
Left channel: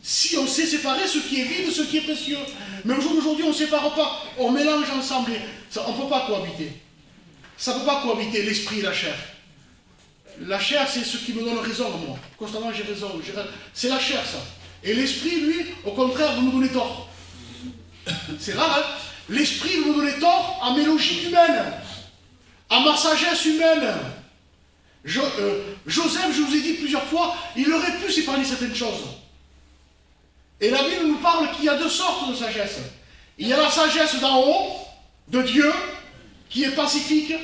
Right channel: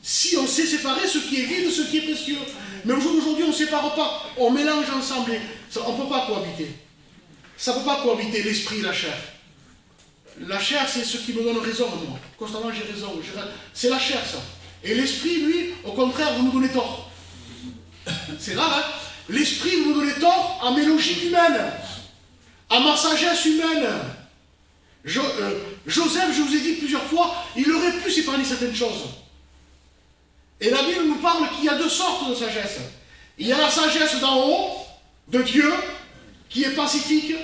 Si on sait séparer ce qui est vil de ce qui est précieux. Mais au jour d'aujourd'hui, on ne sépare pas. On mélange ensemble. On ne peut pas cohabiter. Ça ne peut pas cohabiter l'esprit et la chair. La chair, c'est ce qui me donne raison, moi. Constamment, j'ai raison. C'est la chair, ça. Et l'esprit, lui, au contraire, vous nous donnez tort. C'est rare, hein? L'esprit, vous nous donnez tort à mes logiques humaines, à ma sagesse humaine. Joseph, je vous ai dit plusieurs fois, il aurait pu s'épargner certaines choses. Et la Bible nous parle qu'il y a deux sortes de sagesse. Il y a la sagesse d'en haut, de Dieu, qui est pacifique,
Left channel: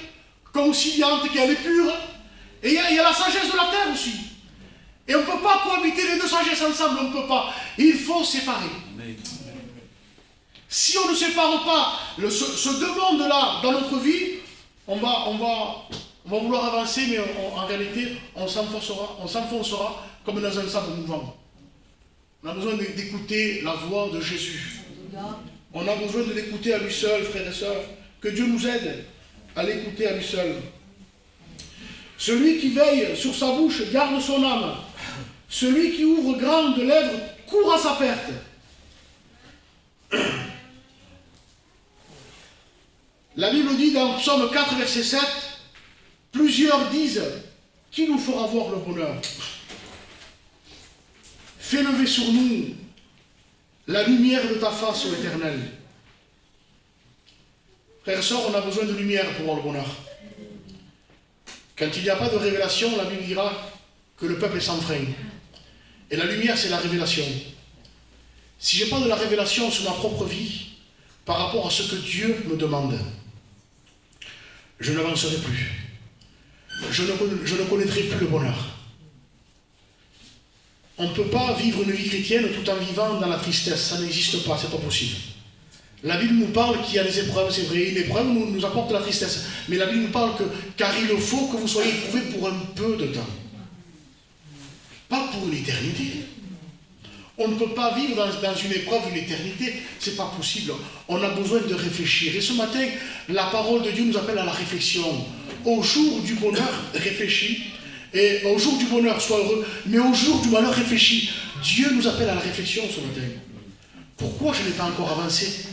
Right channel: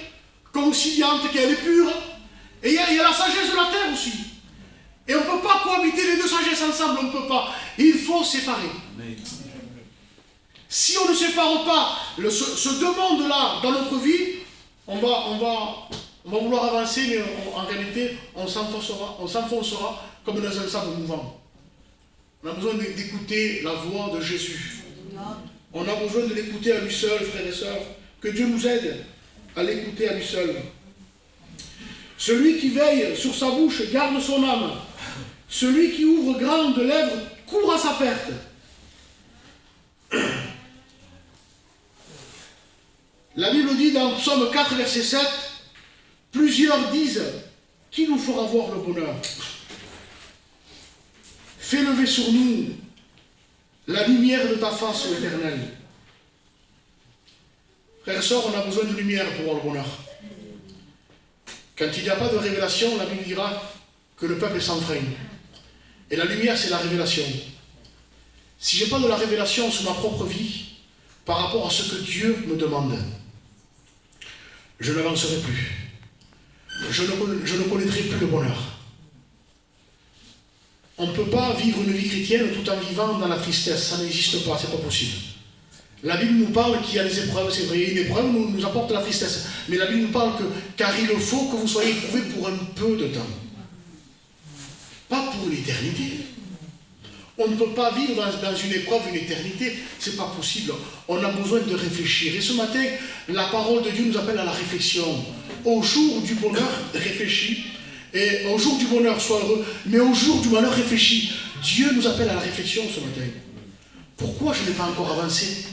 conciliante, qui est pure. Et il y a la sagesse de la terre aussi. Et on ne peut pas cohabiter les deux sagesses ensemble, on ne peut pas. Il faut séparer. Amen. Si on ne sépare pas ce deux mondes-là dans notre vie, on va vouloir avancer, mais en réalité, on s'enfoncera comme dans un sable mouvant. On a besoin d'écouter la voix de Jésus. On a besoin de l'écouter à lui seul, frères et sœurs. Que Dieu nous aide à l'écouter à lui seul. Celui qui veille sur sa bouche garde son âme. Celui qui ouvre grand de lèvres court à sa perte. La Bible dit dans Psaume 4, verset 7, plusieurs disent, qui nous fera voir le bonheur? Fais lever sur nous la lumière de ta face, ô Éternel. Frères et sœurs, on a besoin de lumière pour voir le bonheur. Quand il n'y a pas de révélation, la Bible dira que le peuple est sans frein. Et la lumière, c'est la révélation. Si je n'ai pas de la révélation sur ma propre vie, par rapport à ce que Dieu me demande, je n'avancerai plus. Je ne connaîtrai plus le bonheur. On ne peut pas vivre une vie chrétienne tout en vivant dans la tristesse. Ça n'existe pas, c'est pas possible. La Bible nous parle qu'il y a des épreuves, c'est vrai. L'épreuve nous apporte la tristesse. Mais la Bible nous parle car il faut que vous soyez éprouvés pour un peu de temps. Pas pour l'éternité. On ne peut pas vivre dans une épreuve une éternité. C'est pas possible. On a besoin de réfléchir. Et ce matin, la parole de Dieu nous appelle à la réflexion. Au jour du bonheur, réfléchis. Et au jour du bonheur, sois heureux. Mais au jour du malheur, réfléchis. Dieu nous appelle à la réflexion ce matin. Pourquoi je n'ai pas encore avancé?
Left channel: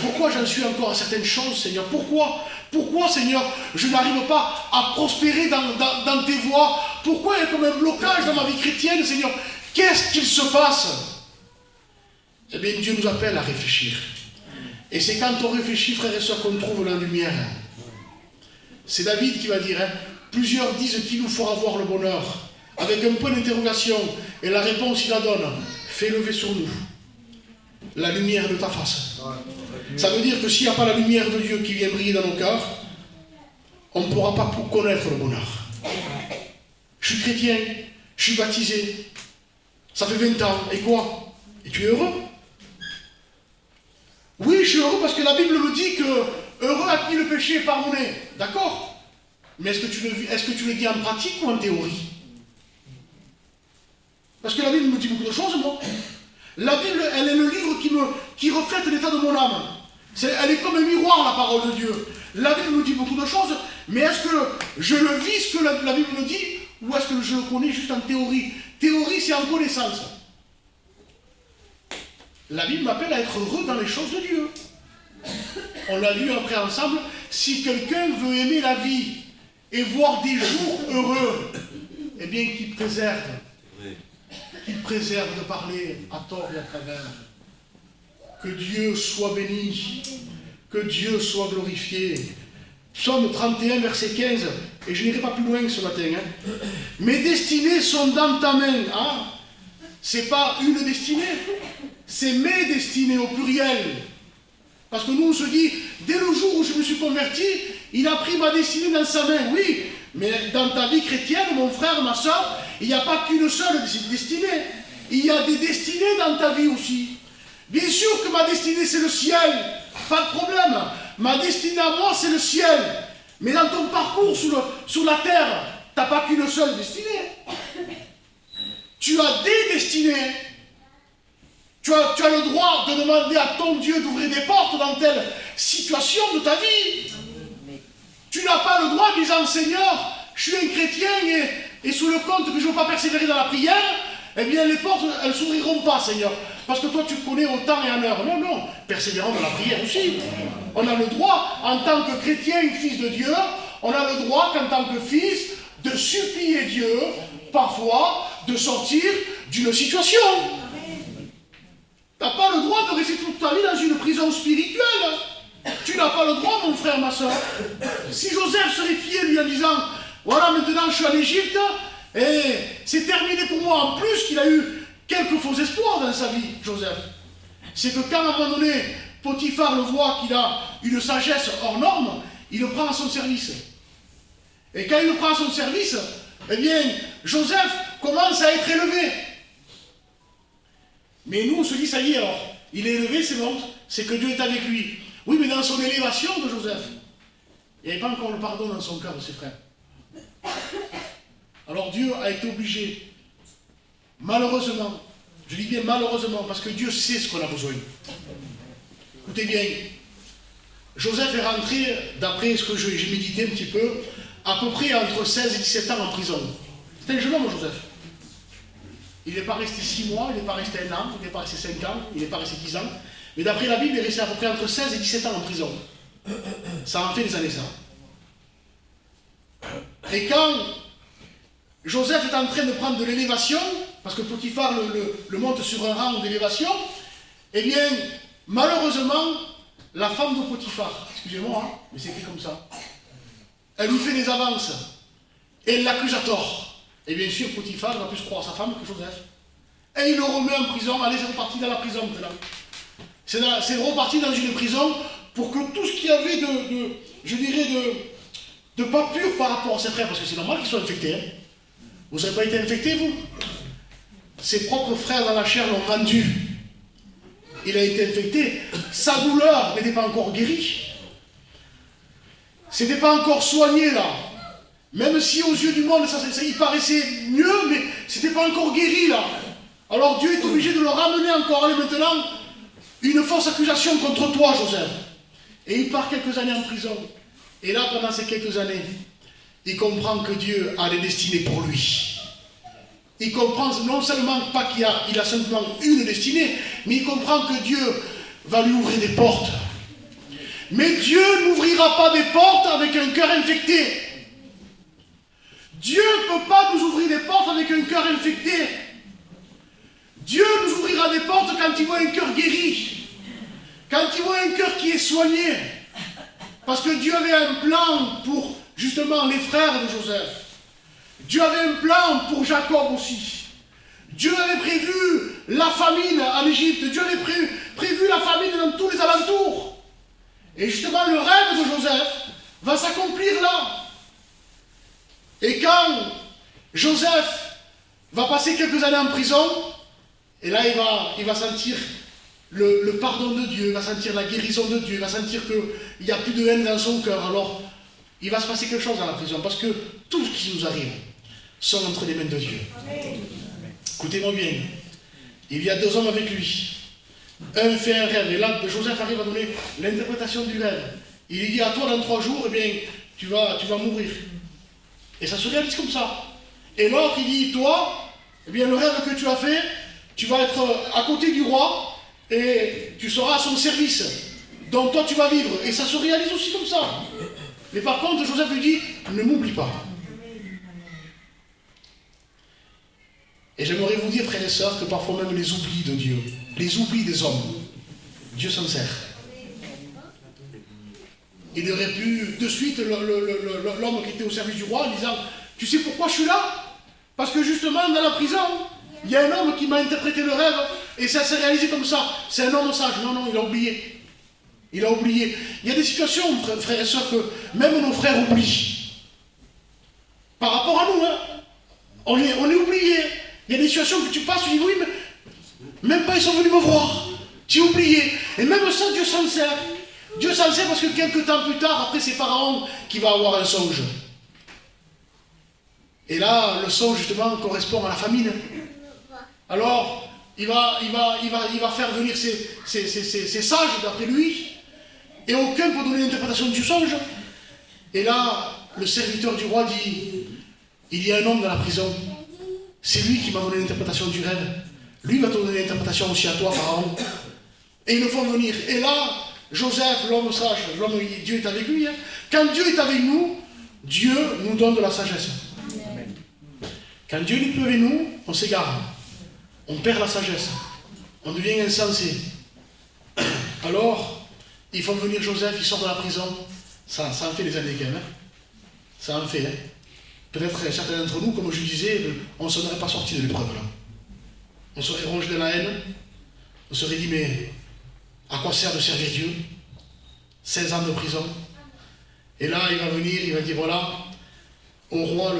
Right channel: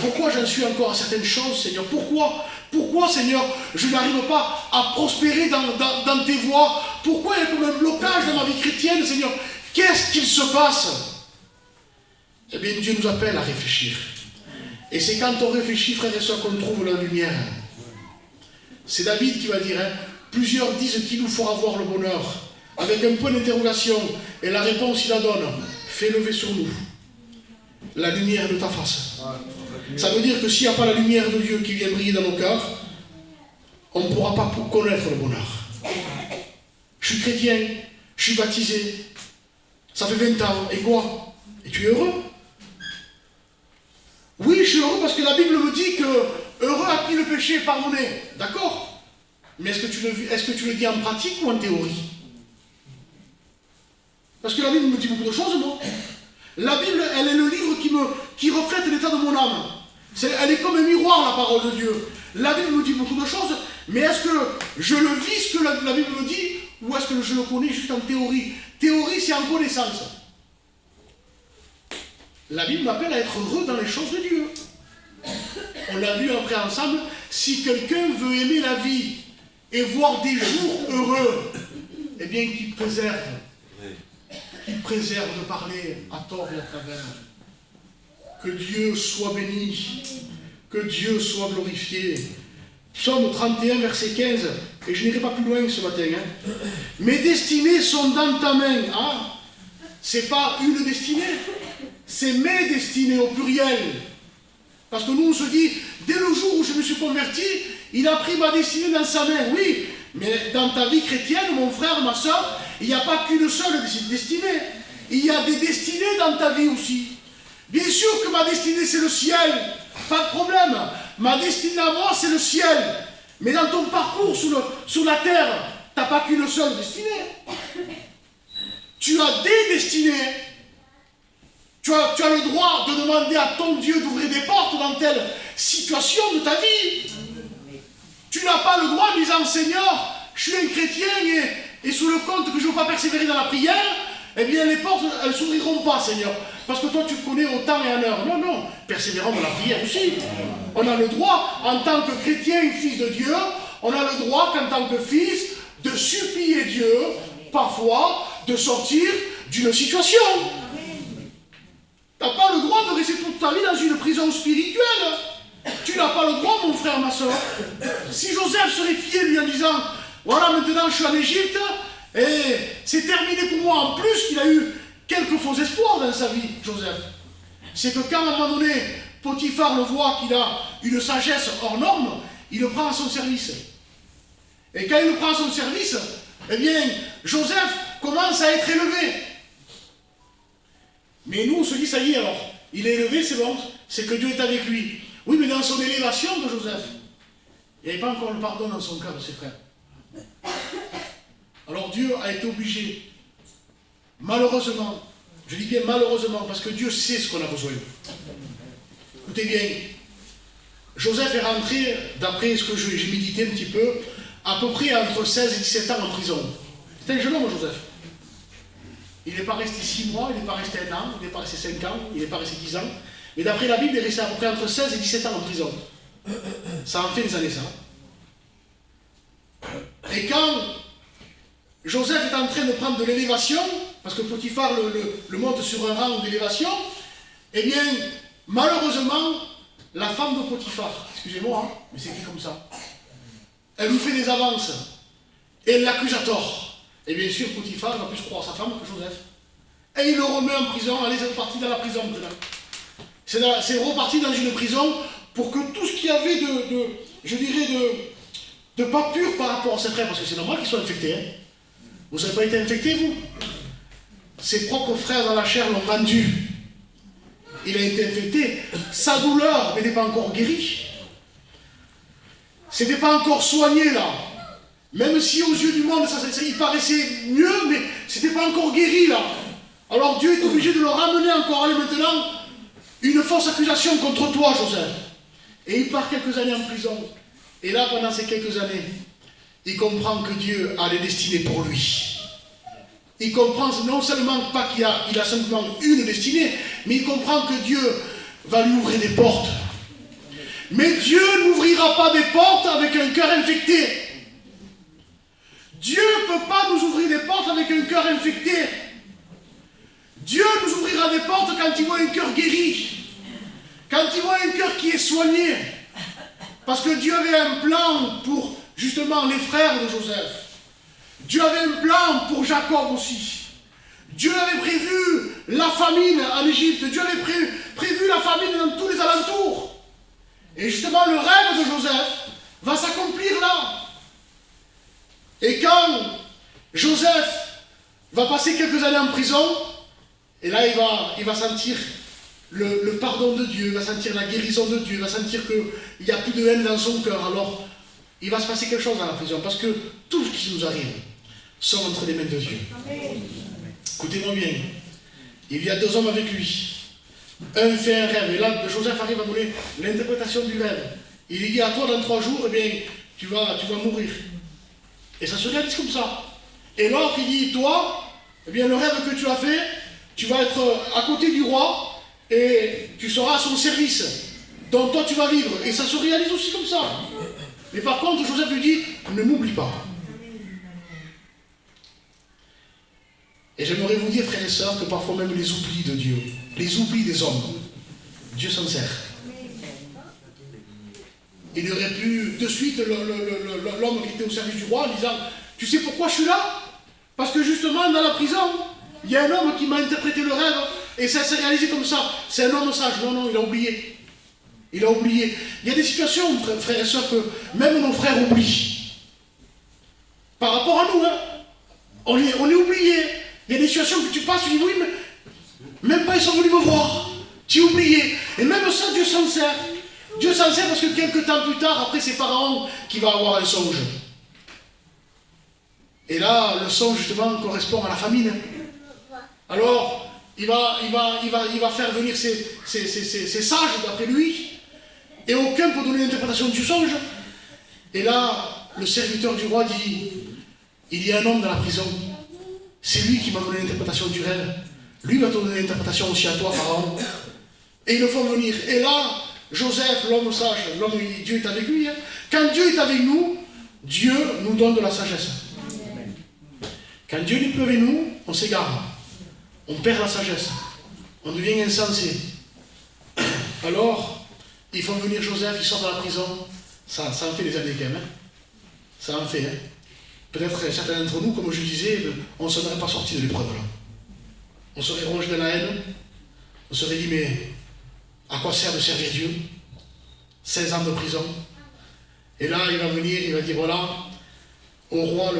Pourquoi j'en suis encore à certaines choses, Seigneur? Pourquoi, Seigneur, je n'arrive pas à prospérer dans tes voies? Pourquoi il y a comme un blocage dans ma vie chrétienne, Seigneur? Qu'est-ce qu'il se passe? Eh bien, Dieu nous appelle à réfléchir. Et c'est quand on réfléchit, frères et sœurs, qu'on trouve la lumière. C'est David qui va dire, plusieurs disent qu'il nous fera voir le bonheur, avec un point d'interrogation, et la réponse, il la donne. Fais lever sur nous la lumière de ta face. Ça veut dire que s'il n'y a pas la lumière de Dieu qui vient briller dans nos cœurs, on ne pourra pas connaître le bonheur. Je suis chrétien, je suis baptisé, ça fait 20 ans, et quoi? Et tu es heureux? Oui, je suis heureux parce que la Bible me dit que heureux à qui le péché est pardonné. D'accord? Mais est-ce que tu le dis en pratique ou en théorie? Parce que la Bible me dit beaucoup de choses, moi. La Bible, elle est le livre qui reflète l'état de mon âme. Elle est comme un miroir, la parole de Dieu. La Bible me dit beaucoup de choses, mais est-ce que je le vis ce que la Bible me dit, ou est-ce que je le connais juste en théorie? Théorie, c'est en connaissance. La Bible m'appelle à être heureux dans les choses de Dieu. On l'a lu après ensemble. Si quelqu'un veut aimer la vie et voir des jours heureux, eh bien qu'il préserve. Qu'il préserve de parler à tort et à travers. Que Dieu soit béni. Que Dieu soit glorifié. Psaume 31, verset 15. Et je n'irai pas plus loin ce matin. Mes destinées sont dans ta main. Ah, c'est pas une destinée. C'est mes destinées au pluriel. Parce que nous, on se dit, dès le jour où je me suis converti, il a pris ma destinée dans sa main. Oui, mais dans ta vie chrétienne, mon frère, ma soeur, il n'y a pas qu'une seule destinée. Il y a des destinées dans ta vie aussi. Bien sûr que ma destinée, c'est le ciel. Pas de problème. Ma destinée à moi, c'est le ciel. Mais dans ton parcours sur la terre, tu n'as pas qu'une seule destinée. Tu as des destinées. Tu as le droit de demander à ton Dieu d'ouvrir des portes dans telle situation de ta vie. Tu n'as pas le droit de dire, Seigneur, je suis un chrétien et sous le compte que je ne veux pas persévérer dans la prière, eh bien les portes, elles ne s'ouvriront pas, Seigneur. Parce que toi, tu connais au temps et en heure. Non, non, persévérons dans la prière aussi. On a le droit, en tant que chrétien et fils de Dieu, on a le droit, qu'en tant que fils, de supplier Dieu, parfois, de sortir d'une situation. Tu n'as pas le droit de rester toute ta vie dans une prison spirituelle. Tu n'as pas le droit, mon frère, ma soeur. Si Joseph serait fié lui en disant, voilà, maintenant je suis en Égypte, et c'est terminé pour moi. En plus qu'il a eu quelques faux espoirs dans sa vie, Joseph. C'est que quand, à un moment donné, Potiphar le voit qu'il a une sagesse hors norme, il le prend à son service. Et quand il le prend à son service, eh bien, Joseph, commence à être élevé. Mais nous, on se dit, ça y est alors, il est élevé, c'est bon, c'est que Dieu est avec lui. Oui, mais dans son élévation de Joseph, il n'y avait pas encore le pardon dans son cœur de ses frères. Alors Dieu a été obligé, malheureusement, je dis bien malheureusement, parce que Dieu sait ce qu'on a besoin. Écoutez bien, Joseph est rentré, d'après ce que j'ai médité un petit peu, à peu près entre 16 et 17 ans en prison. C'était un jeune homme, Joseph. Il n'est pas resté 6 mois, il n'est pas resté 1 an, il n'est pas resté 5 ans, il n'est pas resté 10 ans. Mais d'après la Bible, il est resté à peu près entre 16 et 17 ans en prison. Ça en fait des années, ça. Et quand Joseph est en train de prendre de l'élévation, parce que Potiphar le monte sur un rang d'élévation, eh bien, malheureusement, la femme de Potiphar, excusez-moi, hein, mais c'est écrit comme ça, elle lui fait des avances, et elle l'accuse à tort. Et bien sûr, Potiphar va plus croire sa femme que Joseph. Et il le remet en prison, allez, c'est reparti dans la prison maintenant. C'est reparti dans une prison pour que tout ce qu'il y avait de pas pur par rapport à ses frères, parce que c'est normal qu'ils soient infectés. Hein. Vous n'avez pas été infectés, vous? Ses propres frères dans la chair l'ont rendu. Il a été infecté. Sa douleur n'était pas encore guérie. C'était pas encore soigné, là. Même si aux yeux du monde, ça il paraissait mieux, mais c'était pas encore guéri, là. Alors Dieu est obligé de le ramener encore. Allez, maintenant, une fausse accusation contre toi, Joseph. Et il part quelques années en prison. Et là, pendant ces quelques années, il comprend que Dieu a des destinées pour lui. Il comprend non seulement pas qu'il a simplement une destinée, mais il comprend que Dieu va lui ouvrir des portes. Mais Dieu n'ouvrira pas des portes avec un cœur infecté. Dieu ne peut pas nous ouvrir des portes avec un cœur infecté. Dieu nous ouvrira des portes quand il voit un cœur guéri. Quand il voit un cœur qui est soigné. Parce que Dieu avait un plan pour justement les frères de Joseph. Dieu avait un plan pour Jacob aussi. Dieu avait prévu la famine en Égypte. Dieu avait prévu la famine dans tous les alentours. Et justement, le rêve de Joseph va s'accomplir là. Et quand Joseph va passer quelques années en prison, et là il va sentir le pardon de Dieu, il va sentir la guérison de Dieu, il va sentir qu'il n'y a plus de haine dans son cœur. Alors, il va se passer quelque chose dans la prison, parce que tout ce qui nous arrive sont entre les mains de Dieu. Écoutez-moi bien, il y a 2 hommes avec lui. Un fait un rêve, et là Joseph arrive à donner l'interprétation du rêve. Il lui dit à toi dans 3 jours, eh bien, tu vas mourir. Et ça se réalise comme ça. Et l'autre il dit, toi, eh bien le rêve que tu as fait, tu vas être à côté du roi et tu seras à son service. Donc toi tu vas vivre. Et ça se réalise aussi comme ça. Mais par contre, Joseph lui dit, ne m'oublie pas. Et j'aimerais vous dire, frères et sœurs, que parfois même les oublis de Dieu, les oublis des hommes, Dieu s'en sert. Il aurait pu, de suite, l'homme qui était au service du roi, en disant, tu sais pourquoi je suis là? Parce que justement, dans la prison, il y a un homme qui m'a interprété le rêve, et ça s'est réalisé comme ça. C'est un homme sage. Non, il a oublié. Il a oublié. Il y a des situations, frères et sœurs, que même nos frères oublient. Par rapport à nous, hein, on est oublié. Il y a des situations que tu passes, tu dis, oui, mais même pas ils sont venus me voir. Tu es oublié. Et même ça, Dieu s'en sert. Dieu s'en sert parce que quelques temps plus tard, après, c'est Pharaon qui va avoir un songe. Et là, le songe, justement, correspond à la famine. Alors, il va faire venir ses sages, d'après lui, et aucun peut donner l'interprétation du songe. Et là, le serviteur du roi dit, il y a un homme dans la prison, c'est lui qui m'a donné l'interprétation du rêve. Lui va te donner l'interprétation aussi à toi, Pharaon. Et ils le font venir. Et là, Joseph, l'homme sage, Dieu est avec lui. Hein. Quand Dieu est avec nous, Dieu nous donne de la sagesse. Quand Dieu n'est plus avec nous, on s'égare. On perd la sagesse. On devient insensé. Alors, ils font venir Joseph, il sort de la prison. Ça en fait des années quand même. Hein. Ça en fait. Hein. Peut-être certains d'entre nous, comme je disais, on ne serait pas sorti de l'épreuve là. On serait rongé dans la haine. On serait dit, mais à quoi sert de servir Dieu? 16 ans de prison. Et là, il va venir, il va dire, voilà, au roi,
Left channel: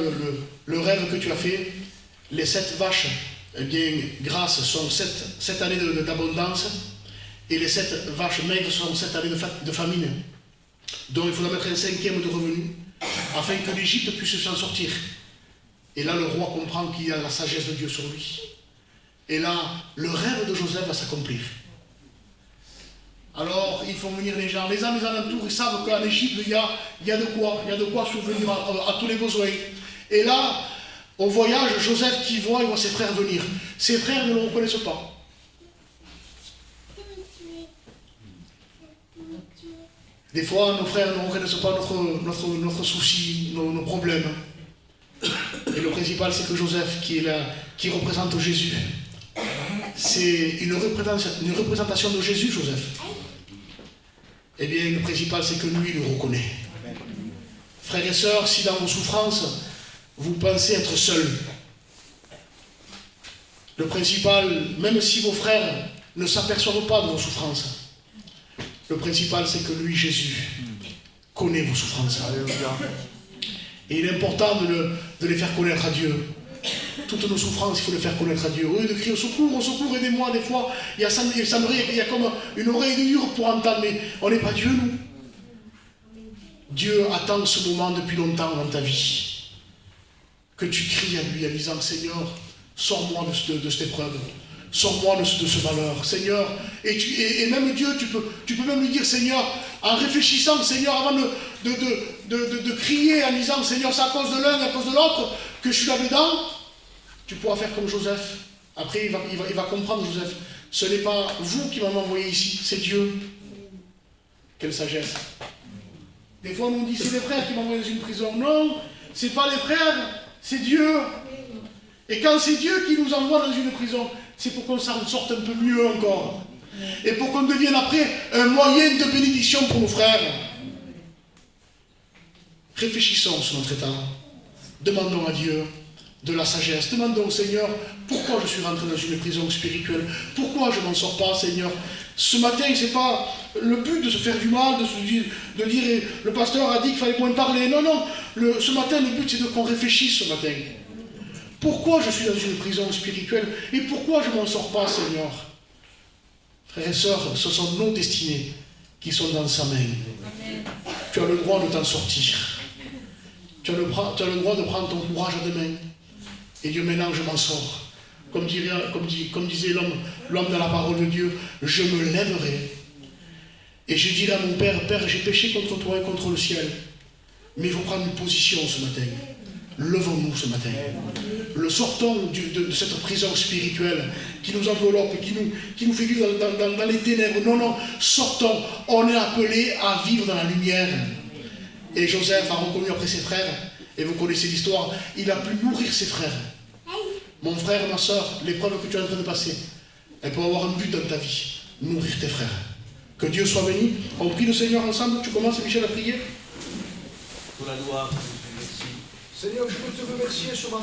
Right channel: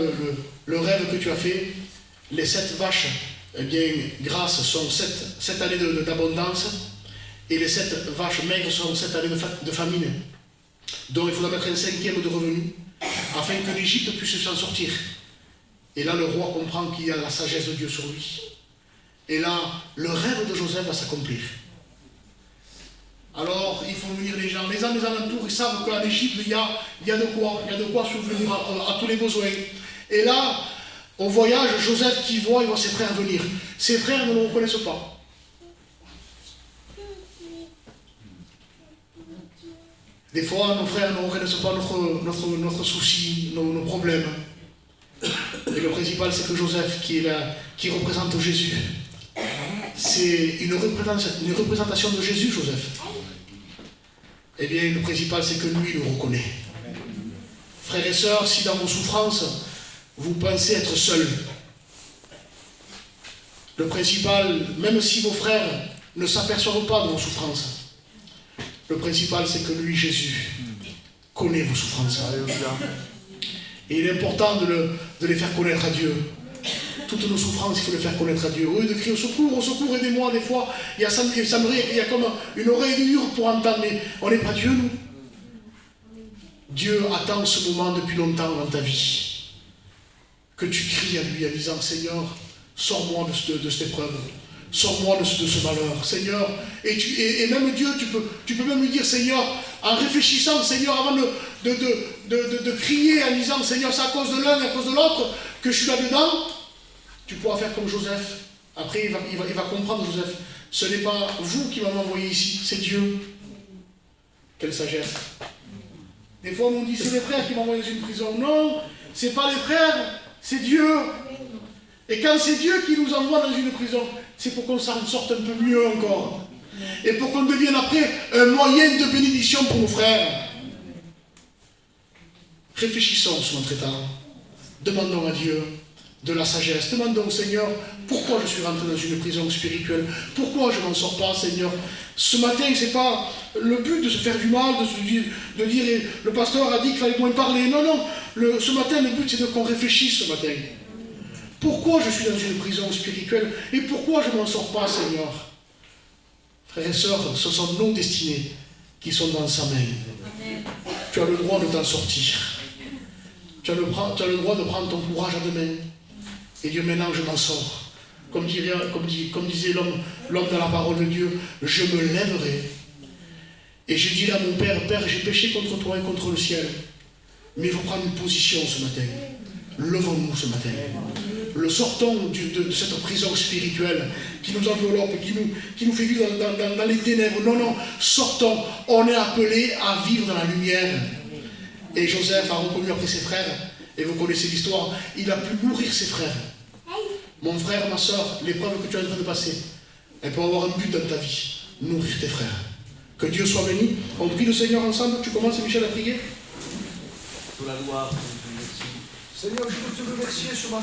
le rêve que tu as fait, les 7 vaches, eh bien, grasses sont 7 années d'abondance, et les 7 vaches maigres sont 7 années de famine. Donc il faudra mettre un 5e de revenu, afin que l'Égypte puisse s'en sortir. Et là, le roi comprend qu'il y a la sagesse de Dieu sur lui. Et là, le rêve de Joseph va s'accomplir. Alors, ils font venir les gens. Les gens des alentours, ils savent qu'en Égypte, il y a de quoi subvenir à tous les besoins. Et là, au voyage, Joseph qui voit, il voit ses frères venir. Ses frères ne le reconnaissent pas. Des fois, nos frères ne reconnaissent pas notre souci, nos problèmes. Et le principal, c'est que Joseph, qui représente Jésus, c'est une représentation de Jésus, Joseph. Eh bien, le principal, c'est que lui, il le reconnaît. Frères et sœurs, si dans vos souffrances, vous pensez être seuls, le principal, même si vos frères ne s'aperçoivent pas de vos souffrances, le principal, c'est que lui, Jésus, connaît vos souffrances. Et il est important de les faire connaître à Dieu. Toutes nos souffrances, il faut les faire connaître à Dieu. Au lieu de crier au secours, aidez-moi, des fois, il semblerait qu'il y a comme une oreille dure pour entendre, mais on n'est pas Dieu, nous. Dieu attend ce moment depuis longtemps dans ta vie. Que tu cries à lui en disant, Seigneur, sors-moi de cette épreuve. Sors-moi de ce malheur, Seigneur. Et même Dieu, tu peux même lui dire, Seigneur, en réfléchissant, Seigneur, avant de crier en disant, Seigneur, c'est à cause de l'un et à cause de l'autre que je suis là-dedans, tu pourras faire comme Joseph. Après, il va comprendre, Joseph. Ce n'est pas vous qui m'avez envoyé ici, c'est Dieu. Quelle sagesse. Des fois, on nous dit, c'est les frères qui m'ont envoyé dans une prison. Non, ce n'est pas les frères, c'est Dieu. Et quand c'est Dieu qui nous envoie dans une prison, c'est pour qu'on s'en sorte un peu mieux encore. Et pour qu'on devienne après un moyen de bénédiction pour nos frères. Réfléchissons sur notre état. Demandons à Dieu de la sagesse. Demandons au Seigneur, pourquoi je suis rentré dans une prison spirituelle? Pourquoi je n'en sors pas, Seigneur? Ce matin, ce n'est pas le but de se faire du mal, de dire, le pasteur a dit qu'il fallait moins parler. Non, non. Ce matin, le but, c'est qu'on réfléchisse ce matin. Pourquoi je suis dans une prison spirituelle et pourquoi je ne m'en sors pas, Seigneur? Frères et sœurs, ce sont nos destinées qui sont dans sa main. Tu as le droit de t'en sortir. Tu as le droit de prendre ton courage à deux mains. Et Dieu, maintenant, je m'en sors. Comme disait l'homme dans la parole de Dieu, je me lèverai. Et je dirai à mon Père, Père, j'ai péché contre toi et contre le ciel. Mais il faut prendre une position ce matin. Levons-nous ce matin. Le sortons de cette prison spirituelle qui nous enveloppe, qui nous fait vivre dans les ténèbres. Non, non, sortons. On est appelé à vivre dans la lumière. Et Joseph a reconnu après ses frères, et vous connaissez l'histoire, il a pu nourrir ses frères. Mon frère, ma soeur, l'épreuve que tu es en train de passer, elle peut avoir un but dans ta vie. Nourrir tes frères. Que Dieu soit béni. On prie le Seigneur ensemble. Tu commences, Michel, à prier. Pour la gloire. Seigneur, je veux te remercier ce matin.